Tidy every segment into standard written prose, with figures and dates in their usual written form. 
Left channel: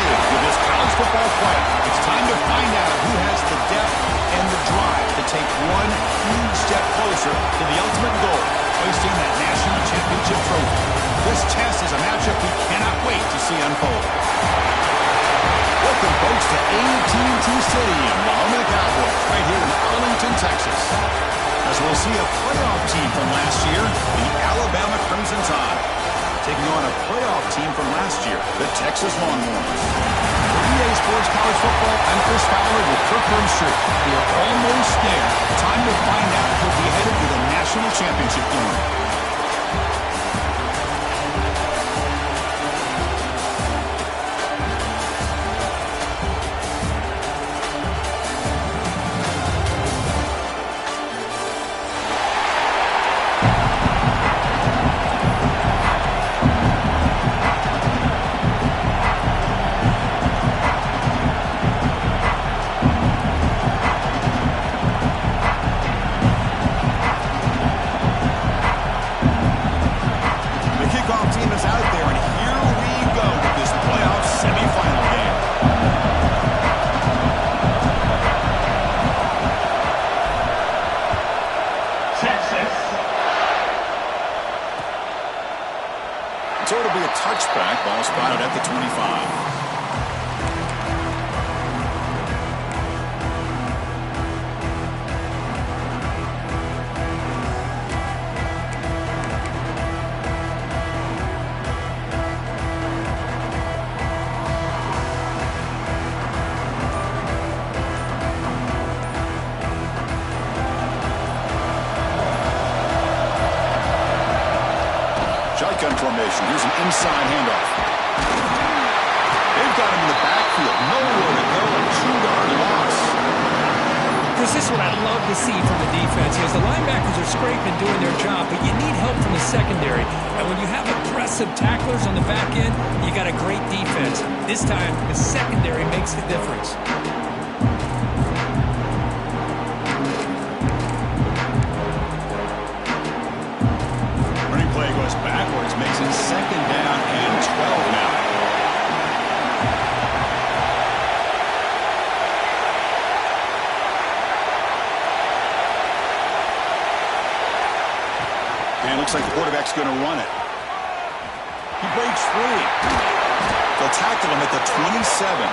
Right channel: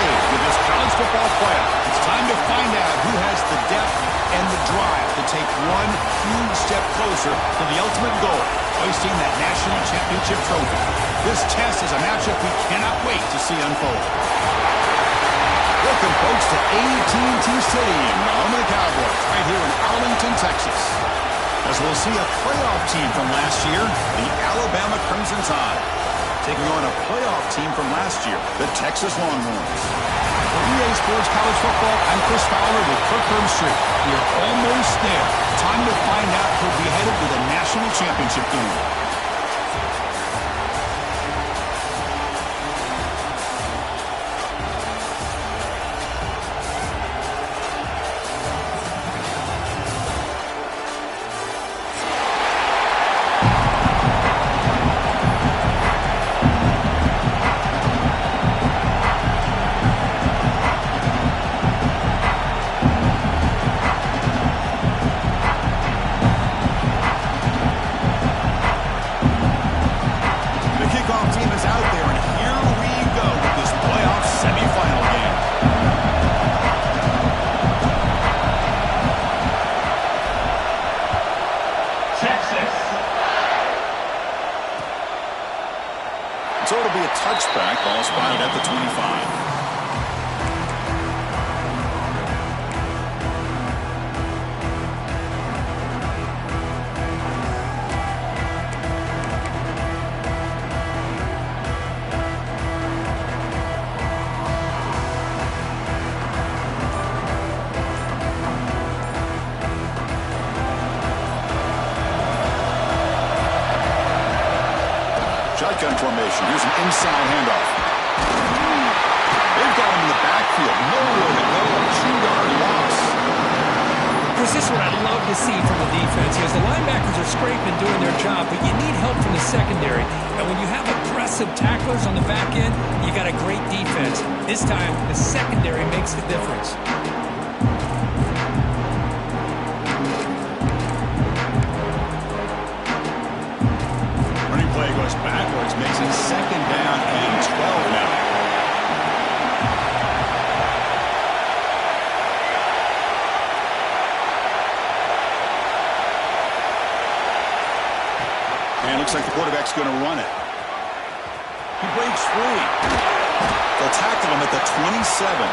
stage with this college football playoff. It's time to find out who has the depth and the drive to take one huge step closer to the ultimate goal, hoisting that national championship trophy. This test is a matchup we cannot wait to see unfold. Welcome, folks, to AT&T Stadium, the home of the Cowboys, right here in Arlington, Texas. As we'll see a playoff team from last year, the Alabama Crimson Tide, taking on a playoff team from last year, the Texas Longhorns. For EA Sports College Football, I'm Chris Fowler with Kirk Herbstreit. We are almost there. Time to find out who'll be headed to the national championship game. So it'll be a touchback. Ball spotted at the 25. Shotgun formation. Here's an inside handoff. They've got him in the backfield. Nowhere to go. A 2-yard loss. Chris, this is what I'd love to see from the defense. As the linebackers are scraping, doing their job, but you need help from the secondary. And when you have aggressive tacklers on the back end, you got a great defense. This time, the secondary makes the difference. Play goes backwards, makes it 2nd down and 12 now. And it looks like the quarterback's going to run it. He breaks free. They'll tackle him at the 27.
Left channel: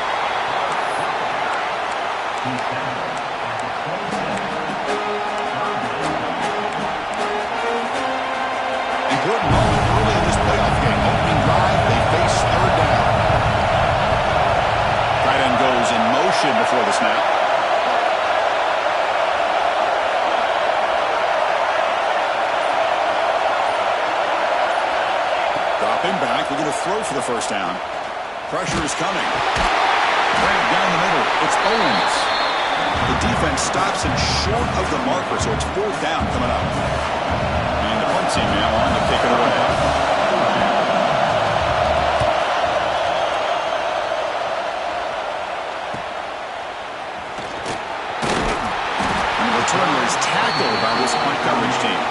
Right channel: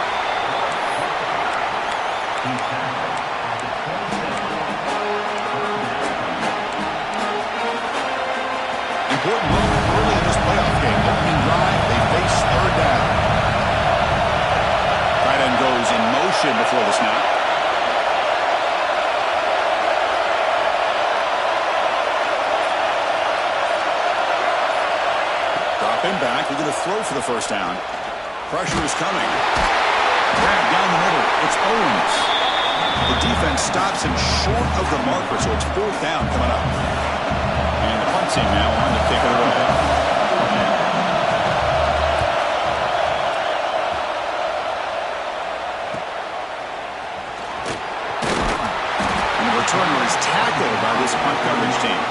Important moment early in this playoff game. Opening drive, they face 3rd down. Tight end goes in motion before the snap. Dropping back. They're going to throw for the 1st down. Pressure is coming. Grab down the middle. It's Owens. The defense stops him short of the marker, so it's 4th down coming up. And the punt team now on to kick it away. And the returner is tackled by this punt coverage team.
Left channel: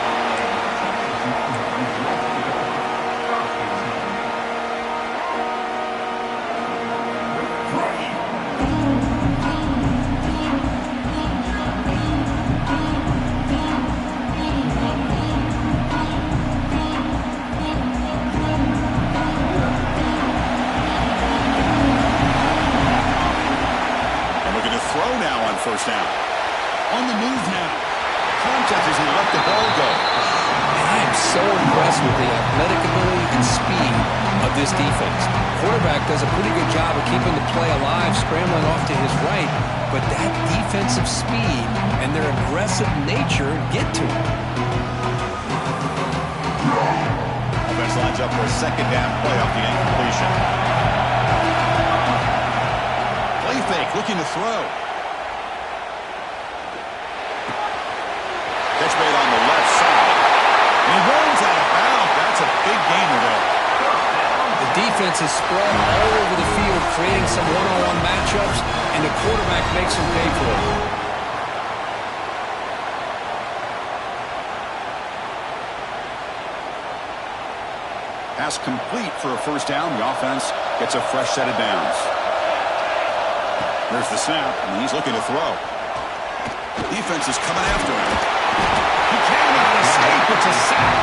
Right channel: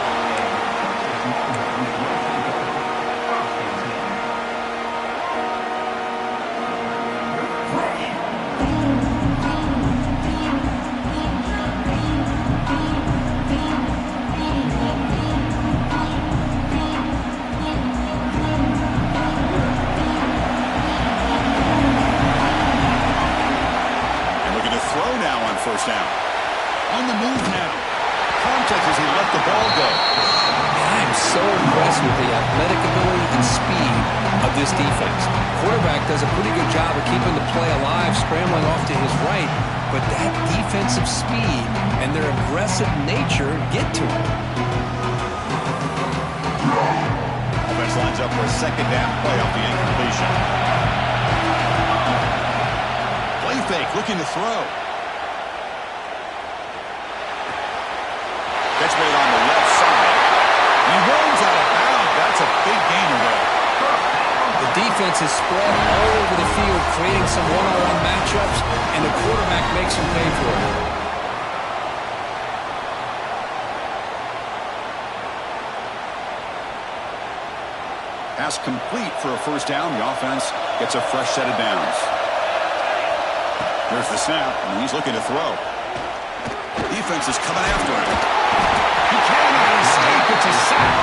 Throw now on 1st down. On the move now. Contact as he let the ball go. I am so impressed with the athletic ability and speed of this defense. Quarterback does a pretty good job of keeping the play alive, scrambling off to his right, but that defensive speed and their aggressive nature get to him. Offense lines up for a 2nd down play off the incompletion. Play fake, looking to throw. Catch made on the left side. And he runs out of bounds. That's a big gainer there. The defense is spread all over the field, creating some one-on-one matchups, and the quarterback makes them pay for it. Pass complete for a 1st down. The offense gets a fresh set of downs. Here's the snap, and he's looking to throw. Defense is coming after him. He cannot escape. It's a sack.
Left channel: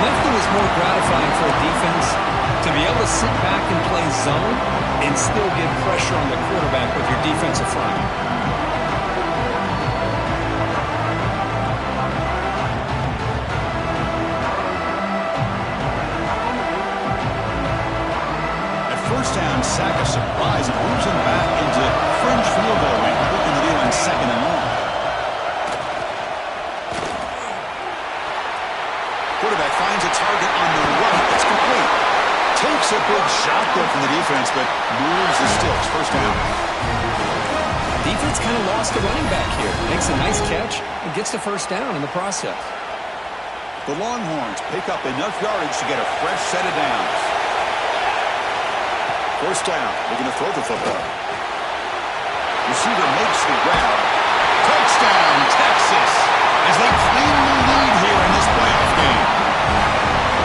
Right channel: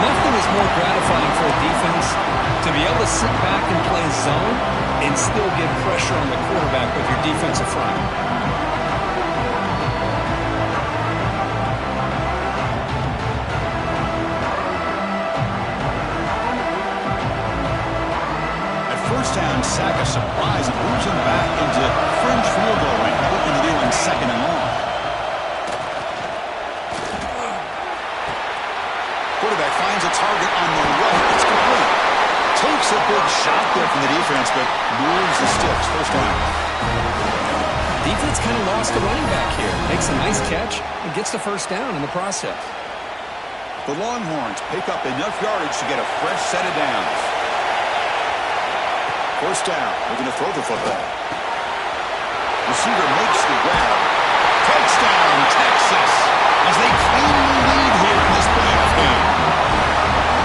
Nothing is more gratifying for a defense to be able to sit back and play zone and still get pressure on the quarterback with your defensive front. First down, sack a surprise and moves him back into fringe field goal range. Looking to do on 2nd and long. Quarterback finds a target on the right. It's complete. Takes a big shot there from the defense, but moves the sticks. First down. Defense kind of lost the running back here. Makes a nice catch and gets the first down in the process. The Longhorns pick up enough yardage to get a fresh set of downs. First down, looking to throw the football. Receiver makes the grab. Touchdown, Texas, as they claim the lead here in this playoff game.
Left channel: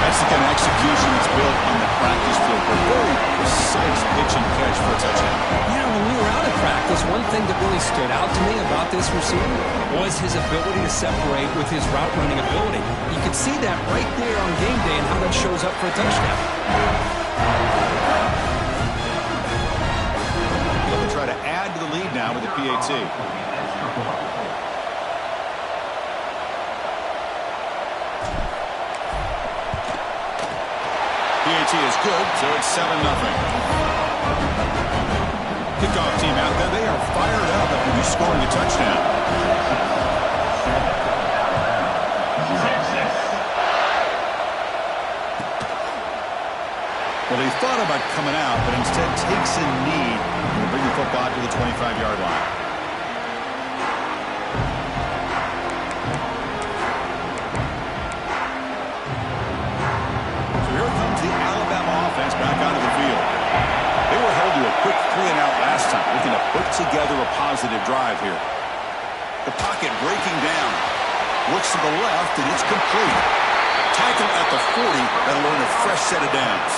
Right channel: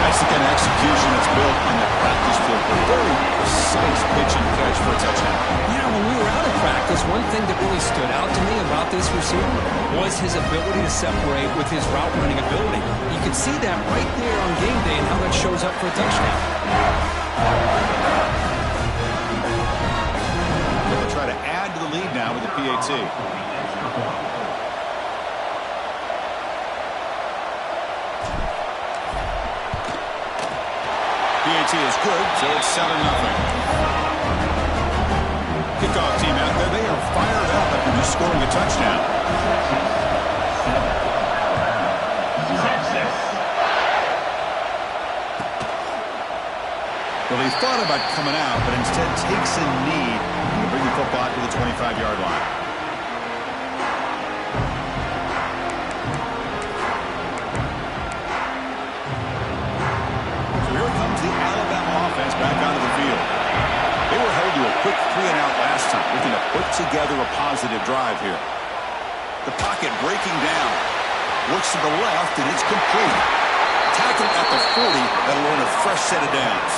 That's the kind of execution that's built on the practice field for very precise pitch and catch for a touchdown. Yeah, when we were out at practice, one thing that really stood out to me about this receiver was his ability to separate with his route running ability. You can see that right there on game day and how that shows up for a touchdown. Try to add to the lead now with the PAT. PAT is good, so it's 7-0. Kickoff team out there, they are fired up after just scoring a touchdown. Well, they thought about coming out, but instead takes a knee to bring the football to the 25-yard line. So here comes the Alabama offense back onto the field. They were held to a quick 3-and-out last time, looking to put together a positive drive here. The pocket breaking down. Looks to the left, and it's complete. Tackle at the 40. That'll earn a fresh set of downs.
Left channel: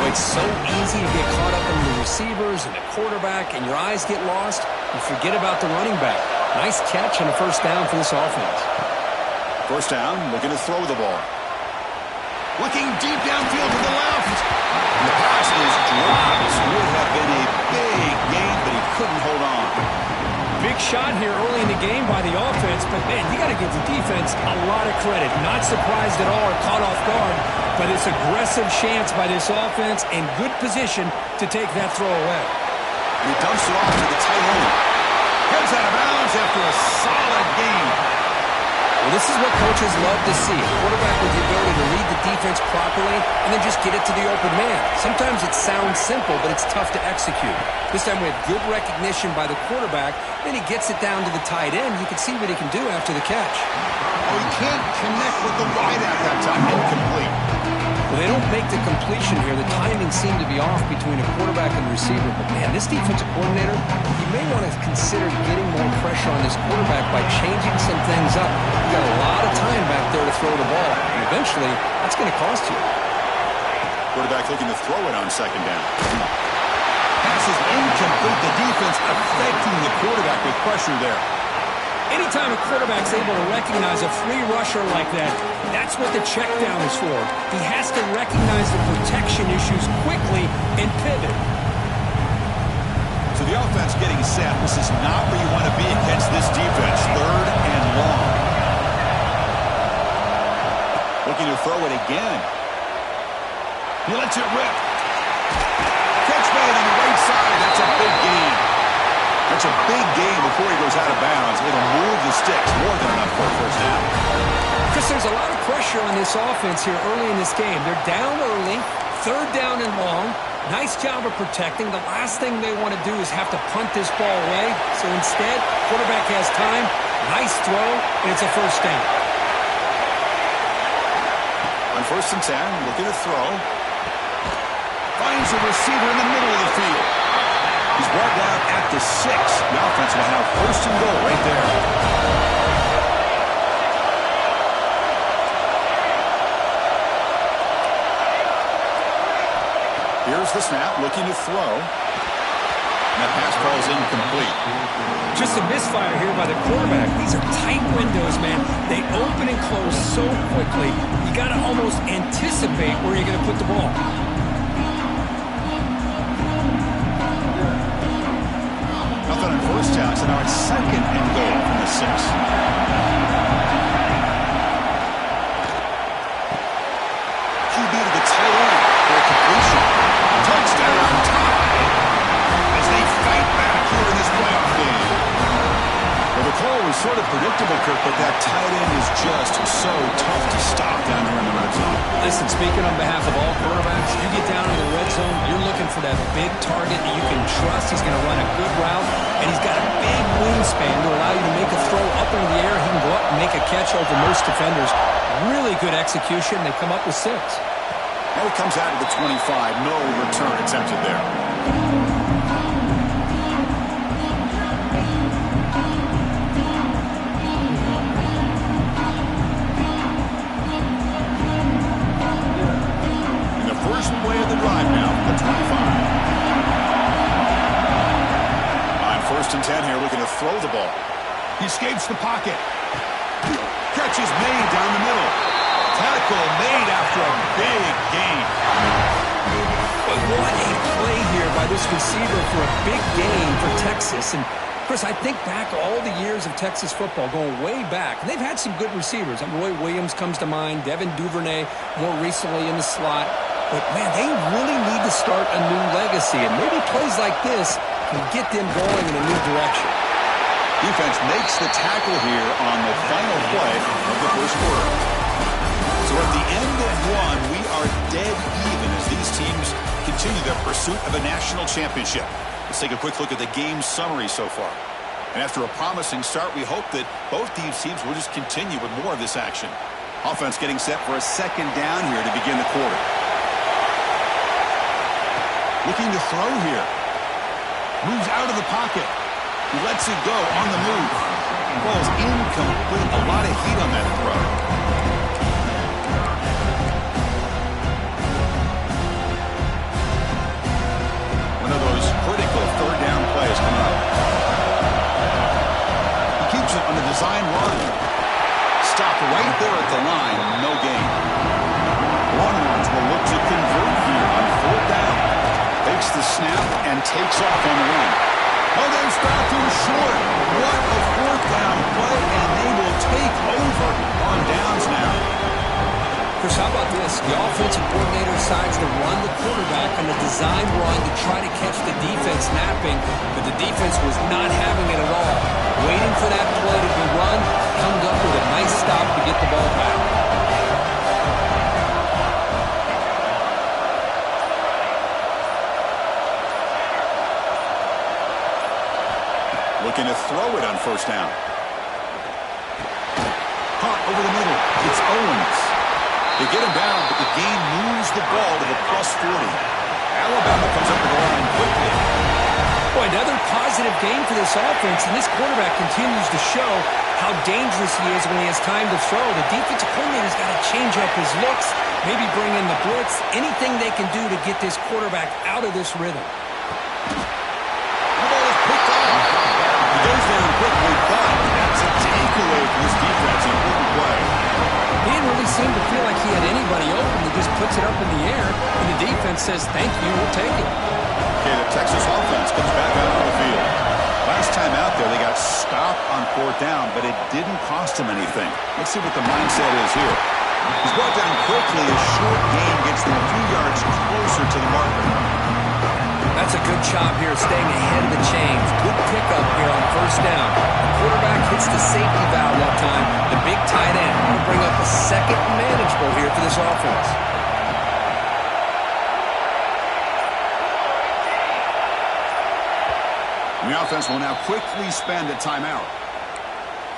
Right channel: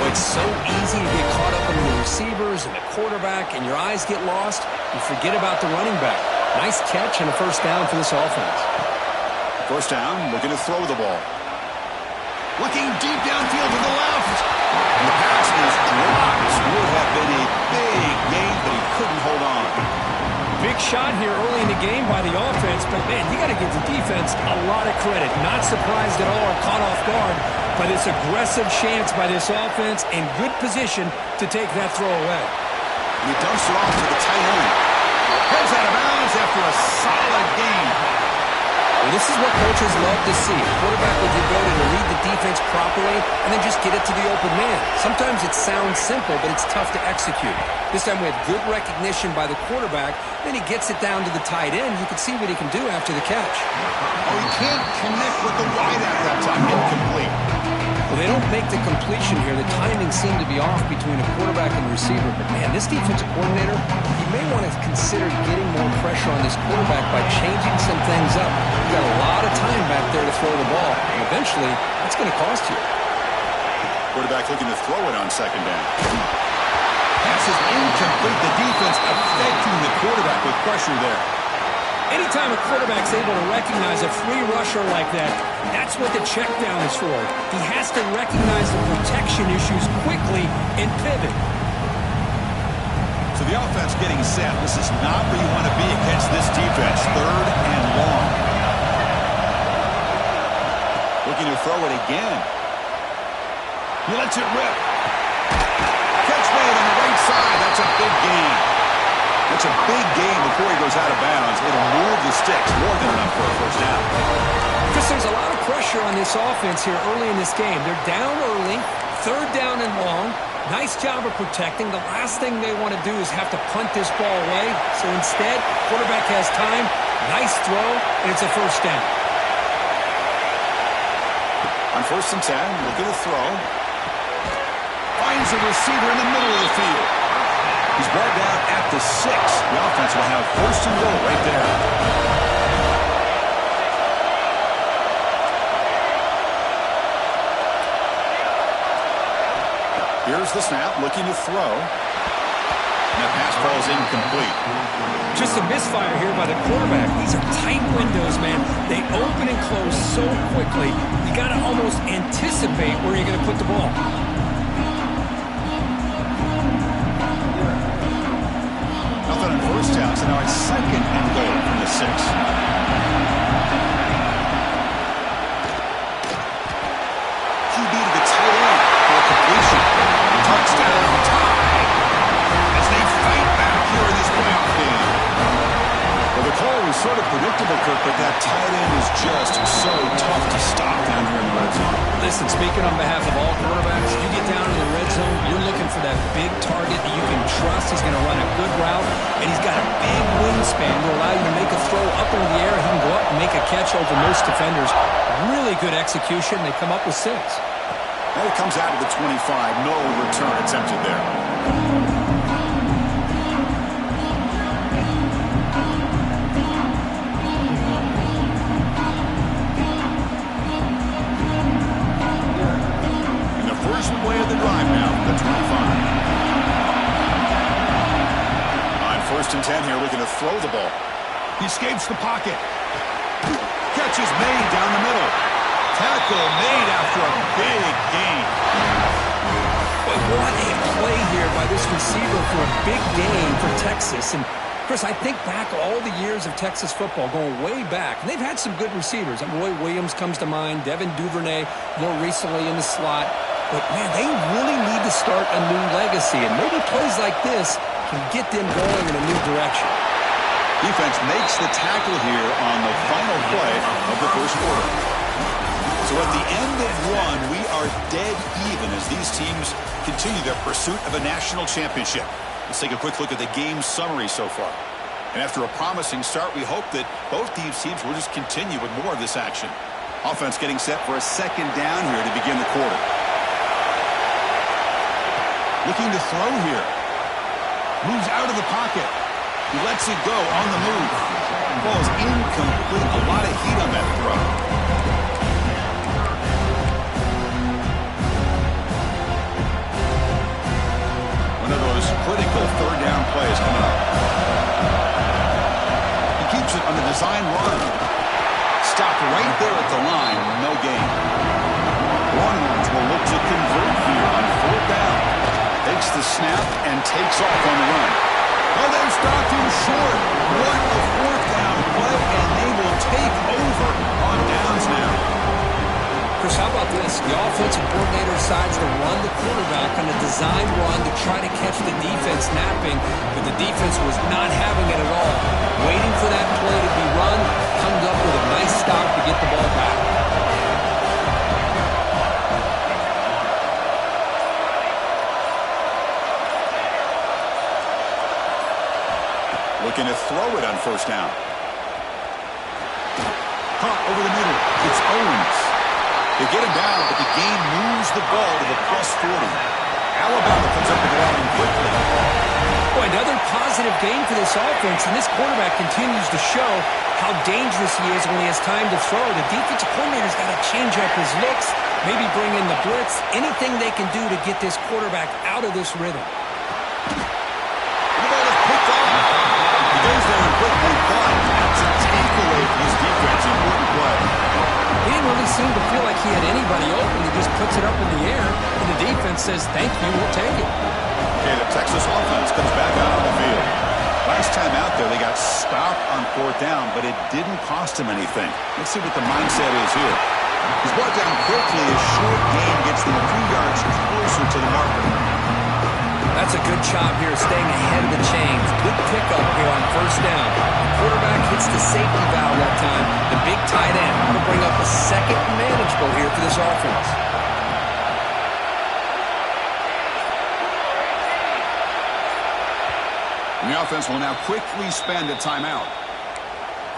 Oh, it's so easy to get caught up in the receivers and the quarterback, and your eyes get lost. You forget about the running back. Nice catch and a first down for this offense. First down, looking to throw the ball. Looking deep downfield to the left. And the pass is dropped. Would have been a big gain, but he couldn't hold on. Big shot here early in the game by the offense, but, man, you got to give the defense a lot of credit. Not surprised at all or caught off guard by this aggressive chance by this offense in good position to take that throw away. He dumps it off to the tight end. Heads out of bounds after a solid game. Well, this is what coaches love to see. A quarterback with the ability to read the defense properly and then just get it to the open man. Sometimes it sounds simple, but it's tough to execute. This time we have good recognition by the quarterback. Then he gets it down to the tight end. You can see what he can do after the catch. Oh, he can't connect with the wide at that time. Incomplete. Well, they don't make the completion here. The timing seemed to be off between a quarterback and receiver. But, man, this defensive coordinator, he may want to consider getting more pressure on this quarterback by changing some things up. You got a lot of time back there to throw the ball. And eventually, that's going to cost you. Quarterback looking to throw it on second down. Pass is incomplete. The defense affecting the quarterback with pressure there. Anytime a quarterback's able to recognize a free rusher like that, that's what the check down is for. He has to recognize the protection issues quickly and pivot. So the offense getting set. This is not where you want to be against this defense. 3rd and long. Looking to throw it again. He lets it rip. Catch made on the right side. That's a big gain. That's a big gain before he goes out of bounds. It'll move the sticks more than enough for a first down. Chris, there's a lot of pressure on this offense here early in this game. They're down early, 3rd down and long. Nice job of protecting. The last thing they want to do is have to punt this ball away. So instead, quarterback has time. Nice throw, and it's a first down. On 1st and 10, looking to throw. Finds a receiver in the middle of the field. He's brought down at the 6. The offense will have 1st and goal right there. Here's the snap, looking to throw. And that pass falls incomplete. Just a misfire here by the quarterback. These are tight windows, man. They open and close so quickly. You got to almost anticipate where you're going to put the ball. Nothing on first down, so now it's second and goal from the 6. QB to the tight end for a completion. Touchdown, tie! As they fight back here in this playoff game. Well, the call was sort of predictable, Kirk, but that tight end is just so tough to stop down here in the red zone. Listen, speaking on behalf of all quarterbacks, you get down in the red zone, you're looking for that big target that you can trust. He's going to run a good route, and he's got a big wingspan to allow you to make a throw up into the air. He can go up and make a catch over most defenders. Really good execution. They come up with 6. And it comes out of the 25. No return attempted there. First play of the drive now from the 25. On 1st and 10 here, looking to throw the ball. He escapes the pocket. Catch is made down the middle. Tackle made after a big gain. But what a play here by this receiver for a big gain for Texas. And Chris, I think back all the years of Texas football, going way back, and they've had some good receivers. Roy Williams comes to mind, Devin Duvernay more recently in the slot. But, man, they really need to start a new legacy, and maybe plays like this can get them going in a new direction. Defense makes the tackle here on the final play of the first quarter. So at the end of one, we are dead even as these teams continue their pursuit of a national championship. Let's take a quick look at the game summary so far. And after a promising start, we hope that both these teams will just continue with more of this action. Offense getting set for a second down here to begin the quarter. Looking to throw here. Moves out of the pocket. He lets it go on the move. Ball is incomplete. A lot of heat on that throw. One of those critical third down plays coming up. He keeps it on the design run. Stopped right there at the line. No gain. Longhorns will look to convert here on 4th down. Takes the snap and takes off on the run. Oh, they've stopped him short. What a 4th down play, and they will take over on downs now. Chris, how about this? The offensive coordinator decides to run the quarterback on a design run to try to catch the defense napping, but the defense was not having it at all. Waiting for that play to be run, comes up with a nice stop to get the ball back. Looking to throw it on 1st down. Caught over the middle. It's Owens. They get him down, but the gain moves the ball to the +40. Alabama comes up to the line quickly. Boy, another positive gain for this offense, and this quarterback continues to show how dangerous he is when he has time to throw. The defensive coordinator's got to change up his looks, maybe bring in the blitz, anything they can do to get this quarterback out of this rhythm. The ball is picked off. He goes down quickly, but that's a takeaway for this defense. Important play. He didn't really seem to feel like he had anybody open. He just puts it up in the air, and the defense says, thank you, we'll take it. Okay, the Texas offense comes back out on the field. Last time out there, they got stopped on 4th down, but it didn't cost him anything. Let's see what the mindset is here. He's brought down quickly. A short gain gets them a few yards closer to the marker. That's a good job here, staying ahead of the chains. Good pickup here on 1st down. The quarterback hits the safety valve that time. The big tight end will bring up a second manageable here for this offense. And the offense will now quickly spend a timeout.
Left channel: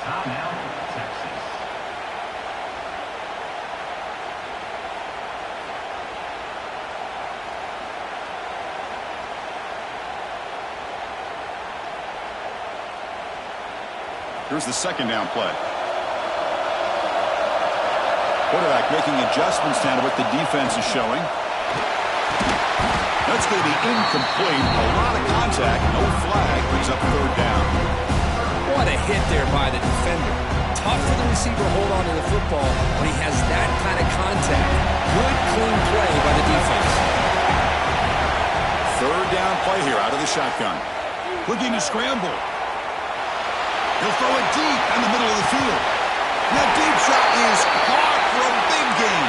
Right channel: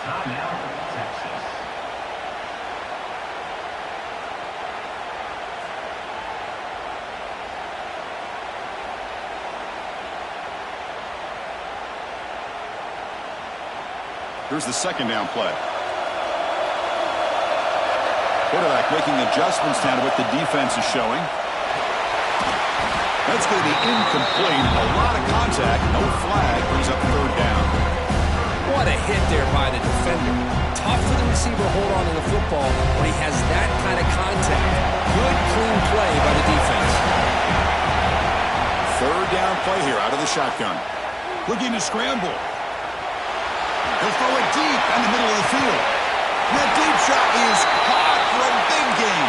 Timeout, Texas. Here's the 2nd down play. Quarterback making adjustments now to what the defense is showing. That's going to be incomplete. A lot of contact. No flag. Brings up third down. What a hit there by the defender. Tough for the receiver to hold on to the football when he has that kind of contact. Good, clean play by the defense. Third down play here out of the shotgun. Looking to scramble. He'll throw it deep in the middle of the field. That deep shot is caught for a big gain.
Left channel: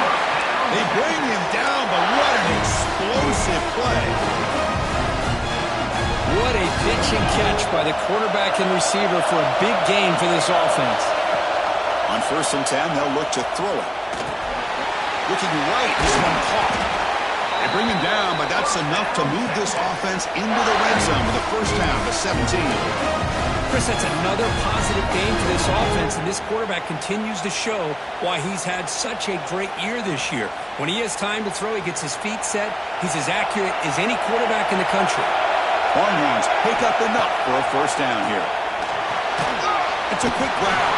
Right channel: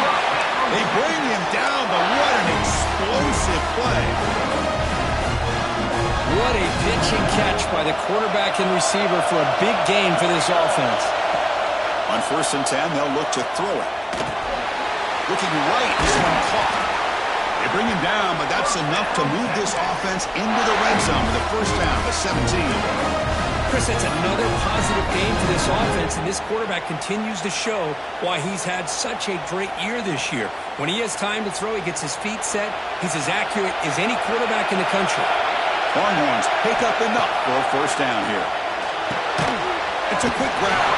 They bring him down, but what an explosive play. What a pitch and catch by the quarterback and receiver for a big gain for this offense. On 1st and 10, they'll look to throw it. Looking right, this one caught. They bring him down, but that's enough to move this offense into the red zone with a first down to 17. Chris, that's another positive game for this offense, and this quarterback continues to show why he's had such a great year this year. When he has time to throw, he gets his feet set. He's as accurate as any quarterback in the country. Longhorns pick up enough for a first down here. It's a quick grab.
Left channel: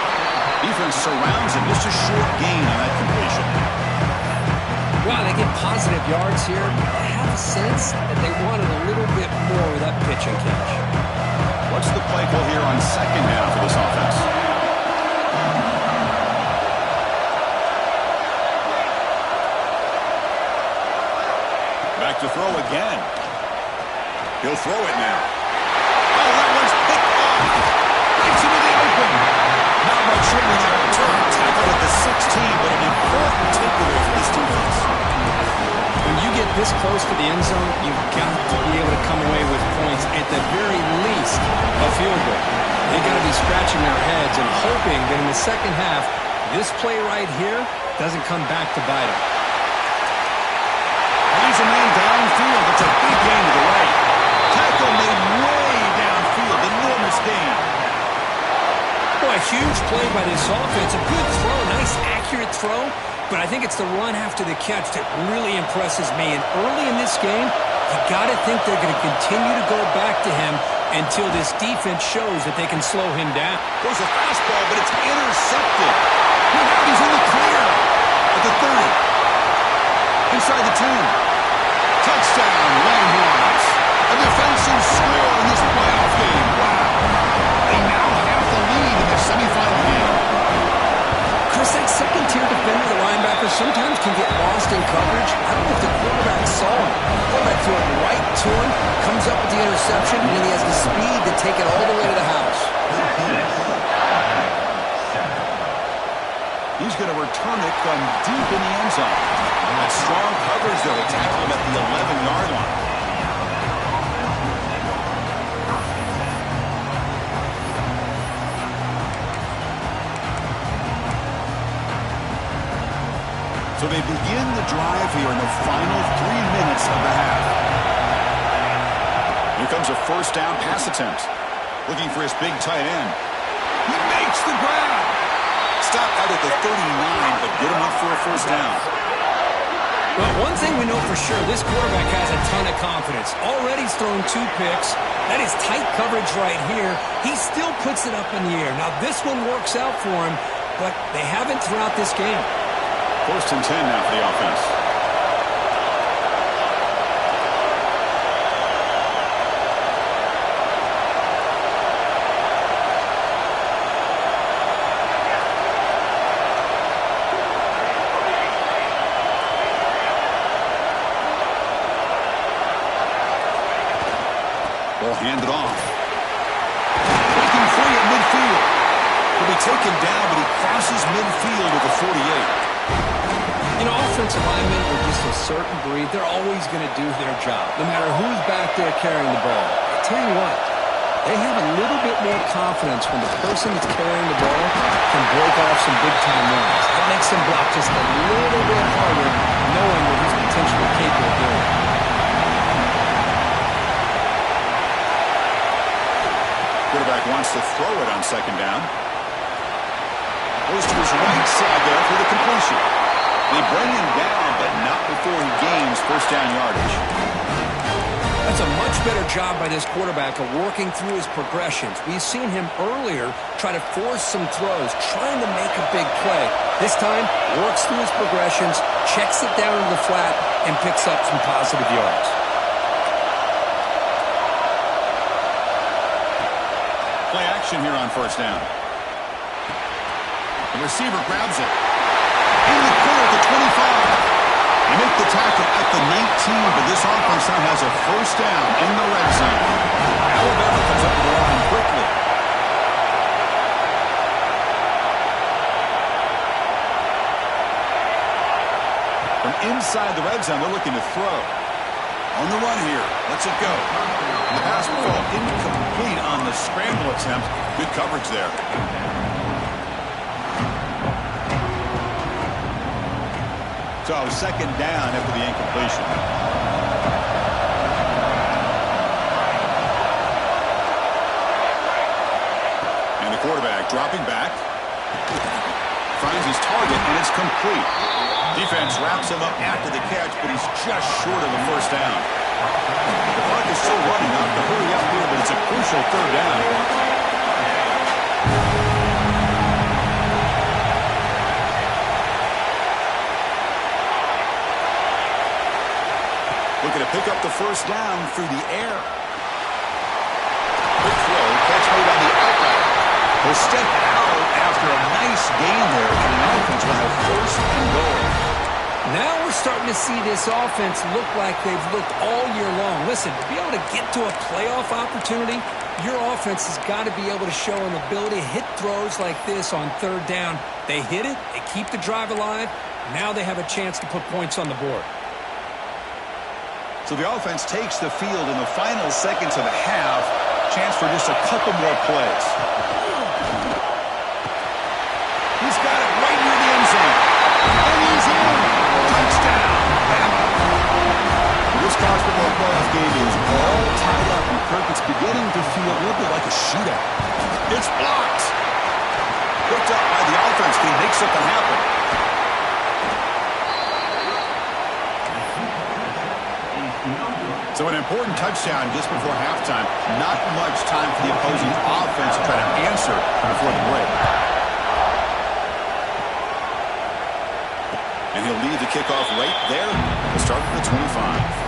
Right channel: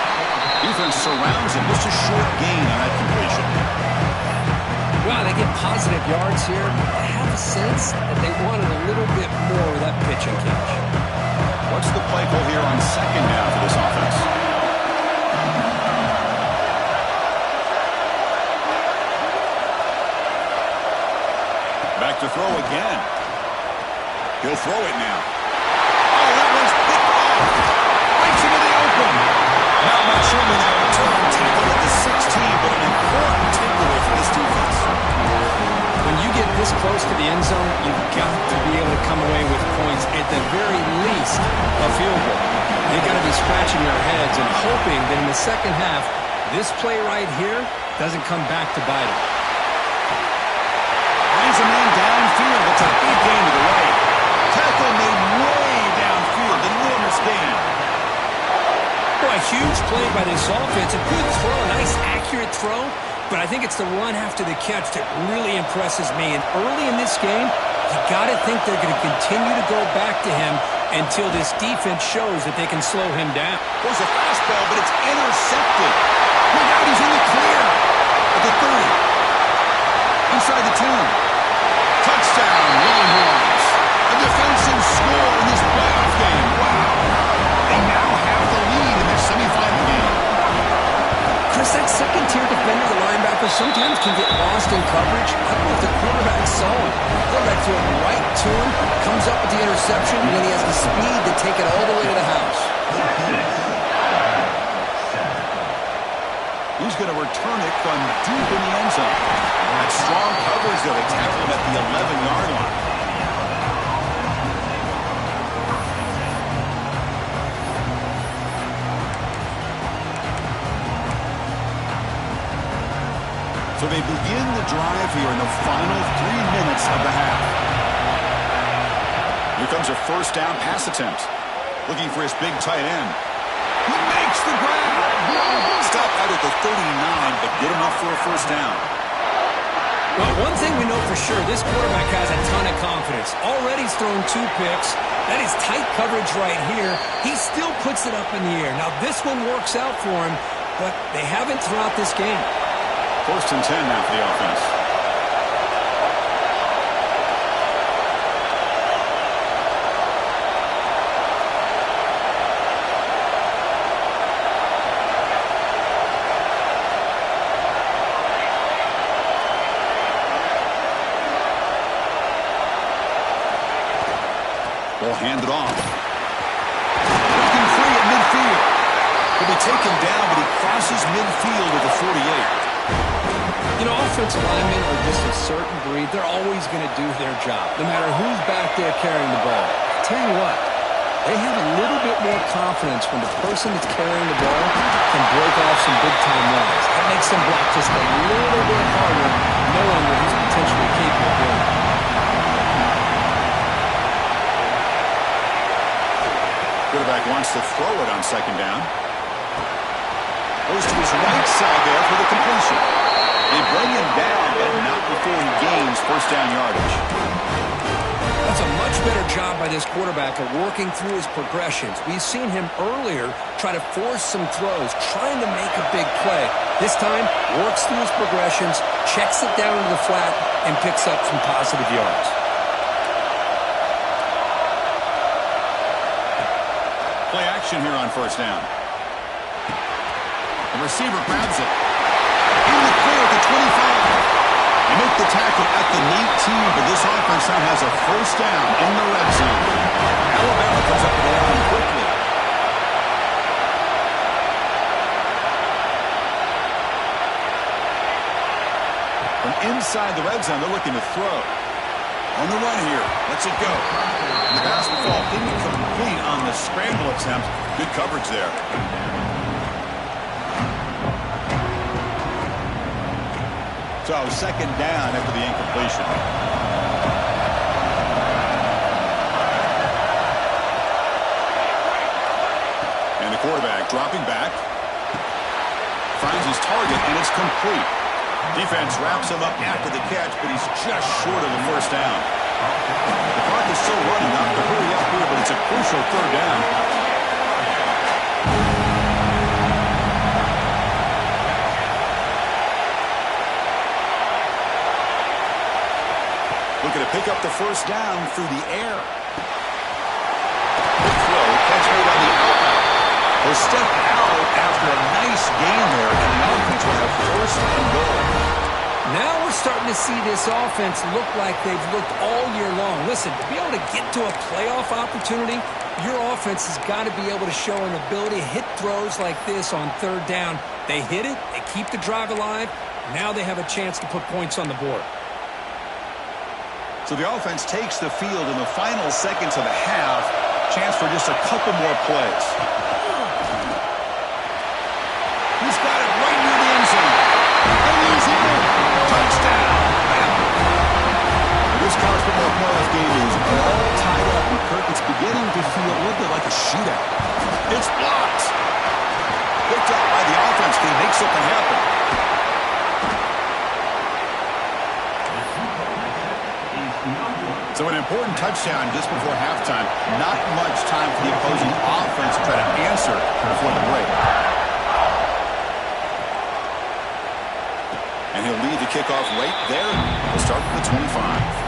Defense surrounds him. Just a short gain on that completion. Wow, they get positive yards here. I have a sense that they wanted a little bit more of that pitch and catch. What's the play call here on second down for this offense? Back to throw again. He'll throw it now. Oh, that one's picked off. Breaks into the open. Not much room in that return. Tackled at the 16, but an important takeaway for this defense. When you get this close to the end zone, you've got to be able to come away with points, at the very least, a field goal. They've got to be scratching their heads and hoping that in the second half, this play right here doesn't come back to bite them. Finds a man downfield. It's a big gain to the right. Tackle made way downfield. Enormous gain. Boy, a huge play by this offense. A good throw, a nice accurate throw. But I think it's the run after the catch that really impresses me. And early in this game, you got to think they're going to continue to go back to him until this defense shows that they can slow him down. Goes a fastball, but it's intercepted. Look out, he's in the clear. At the 30. Inside the 10. Touchdown, Longhorns. A defensive score in this playoff game. Wow. They now have the lead in their semifinal game. Chris, that second-tier defender, the linebacker, sometimes can get lost in coverage. I don't know if the quarterback saw him. The quarterback threw it right to him, comes up with the interception, and then he has the speed to take it all the way to the house. He's going to return it from deep in the end zone. That strong coverage, though. They tackle him at the 11-yard line. So they begin the drive here in the final 3 minutes of the half. Here comes a first down pass attempt. Looking for his big tight end. He makes the grab. Stopped out at the 39, but good enough for a first down. Well, one thing we know for sure, this quarterback has a ton of confidence. Already he's thrown 2 picks. That is tight coverage right here. He still puts it up in the air. Now, this one works out for him, but they haven't throughout this game. 1st and 10 now for the offense. Ball handed off. Breaking free at midfield. He'll be taken down, but he crosses midfield at the 48. You know, offensive linemen are just a certain breed. They're always going to do their job, no matter who's back there carrying the ball. I tell you what, they have a little bit more confidence when the person that's carrying the ball can break off some big-time runs. That makes them block just a little bit harder, knowing what he's potentially capable of doing. Quarterback wants to throw it on second down. Goes to his right side there for the completion. They bring him down, but not before he gains first down yardage. That's a much better job by this quarterback of working through his progressions. We've seen him earlier try to force some throws, trying to make a big play. This time, works through his progressions, checks it down into the flat, and picks up some positive yards. play action here on first down. The receiver grabs it. In the clear at the 25. They make the tackle at the 19, but this offense now has a first down in the red zone. Alabama comes up to the line quickly. From inside the red zone, they're looking to throw. On the run here. Lets it go. The pass will fall incomplete on the scramble attempt. Good coverage there. So second down after the incompletion. And the quarterback dropping back. Finds his target, and it's complete. Defense wraps him up after the catch, but he's just short of the first down. The clock is still running. Not to hurry up here, but it's a crucial third down. Looking to pick up the first down through the air. Quick throw, catch made on the out route. He'll step out after a nice gain there, and the offense will have first and goal. Now we're starting to see this offense look like they've looked all year long. Listen, to be able to get to a playoff opportunity, your offense has got to be able to show an ability to hit throws like this on third down. They hit it, they keep the drive alive. Now they have a chance to put points on the board. So the offense takes the field in the final seconds of the half. Chance for just a couple more plays. He's got it right near the end zone. And he's in. Touchdown, Bama. This college football playoff game is all tied up, and Kirk, it's beginning to feel a little bit like a shootout. It's blocked. Picked up by the offense. Can he make something happen? So an important touchdown just before halftime. Not much time for the opposing offense to try to answer before the break. And he'll lead the kickoff right there. He'll start from the 25.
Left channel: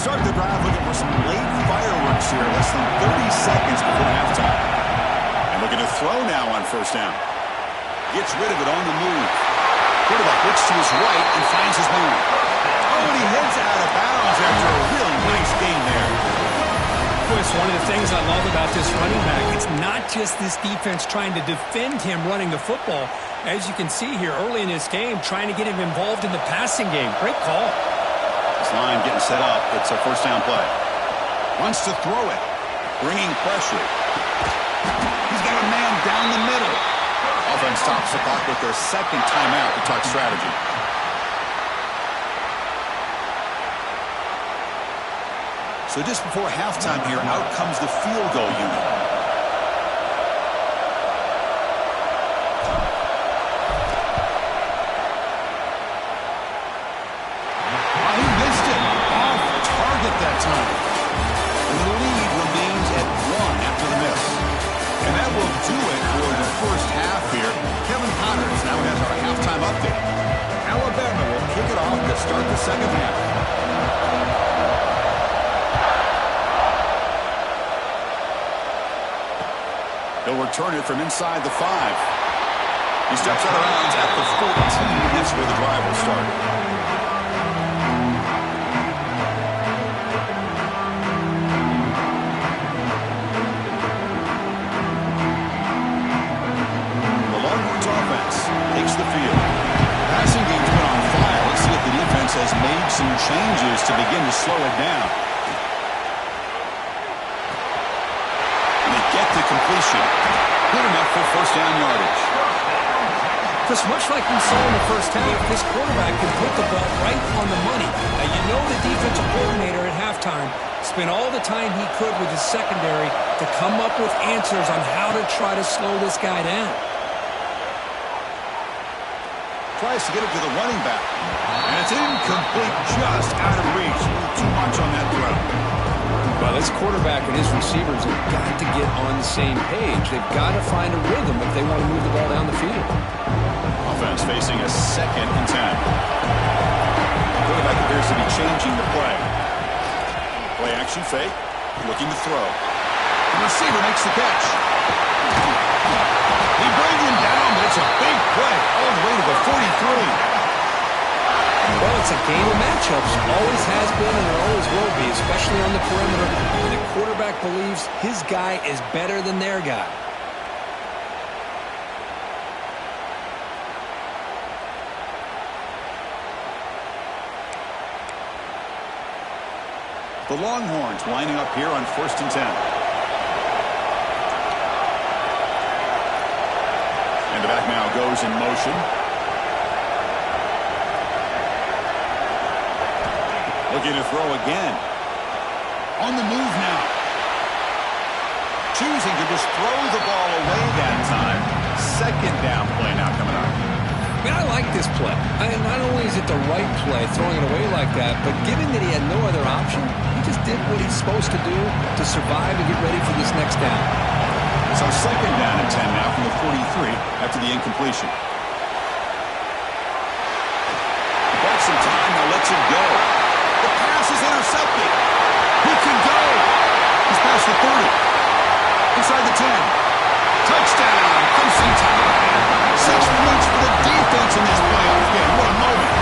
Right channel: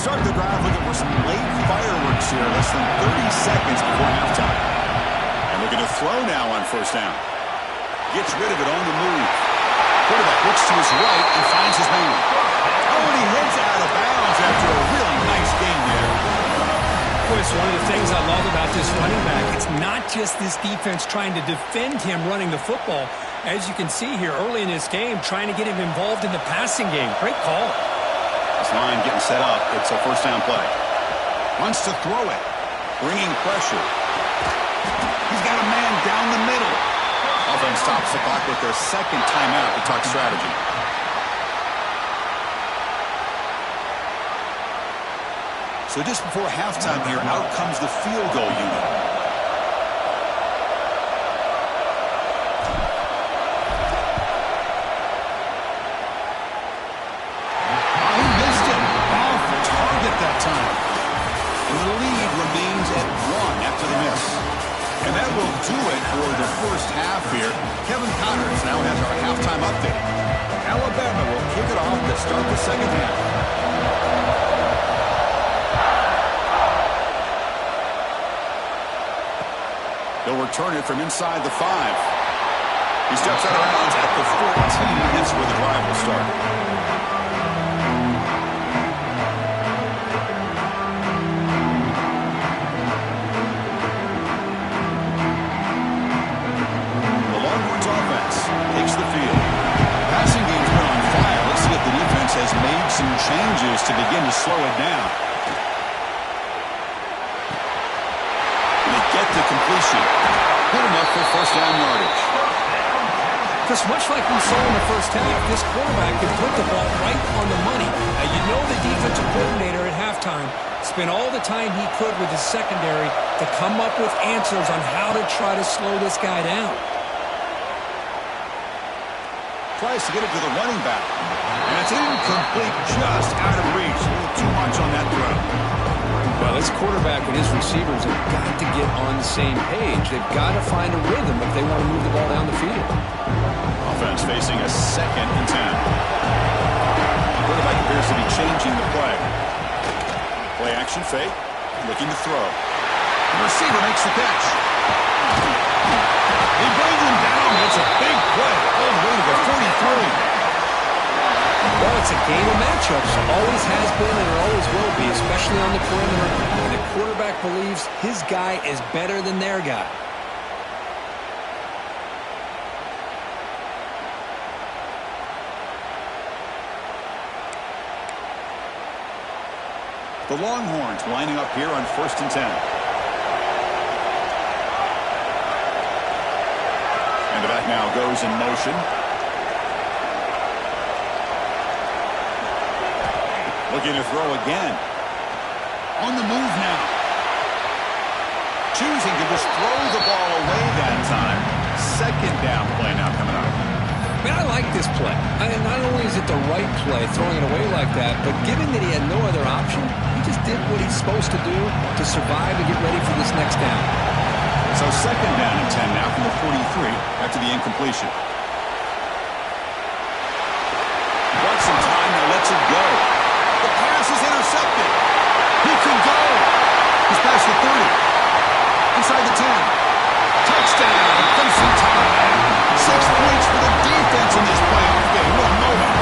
Start the drive looking for some late fireworks here. Less than 30 seconds before halftime. And looking to throw now on first down. Gets rid of it on the move. Quarterback looks to his right and finds his man. Oh, and he heads out of bounds after a really nice game there. Chris, one of the things I love about this running back, it's not just this defense trying to defend him running the football. As you can see here early in this game, trying to get him involved in the passing game. Great call. This line getting set up. It's a first down play. Wants to throw it. Bringing pressure. He's got a man down the middle. Offense stops the clock with their second timeout to talk strategy. So just before halftime here, out comes the field goal unit. That time. And the lead remains at 1 after the miss. And that will do it for the first half here. Kevin Connors now has our halftime update. Alabama will kick it off to start the second half. They'll return it from inside the 5. He steps out of bounds at the 14. That's where the drive will start. Takes the field. Passing game's been on fire. Let's see if the defense has made some changes to begin to slow it down. And they get the completion. Good enough for first down yardage. Because much like we saw in the first half, this quarterback can put the ball right on the money. Now, you know the defensive coordinator at halftime spent all the time he could with his secondary to come up with answers on how to try to slow this guy down. Tries to get it to the running back. And it's incomplete, just out of reach. Too much on that throw. Well, this quarterback and his receivers have got to get on the same page. They've got to find a rhythm if they want to move the ball down the field. Offense facing a 2nd and 10. Quarterback appears to be changing the play. Play action fake. Looking to throw. The receiver makes the catch. He brings him down, but it's a big play all the way to the 43. Well, it's a game of matchups. Always has been and it always will be, especially on the perimeter when the quarterback believes his guy is better than their guy. The Longhorns lining up here on 1st and 10. And the back now goes in motion. Looking to throw again. On the move now. Choosing to just throw the ball away that time. 2nd down play now coming up. I mean, I like this play. Not only is it the right play, throwing it away like that, but given that he had no other option, he just did what he's supposed to do to survive and get ready for this next down. So 2nd down and 10 now from the 43 after the incompletion. Got some time, now lets it go. The pass is intercepted. He can go. He's past the 30. Inside the 10. Touchdown. Crimson Tide. 6 points for the defense in this playoff game. What a moment.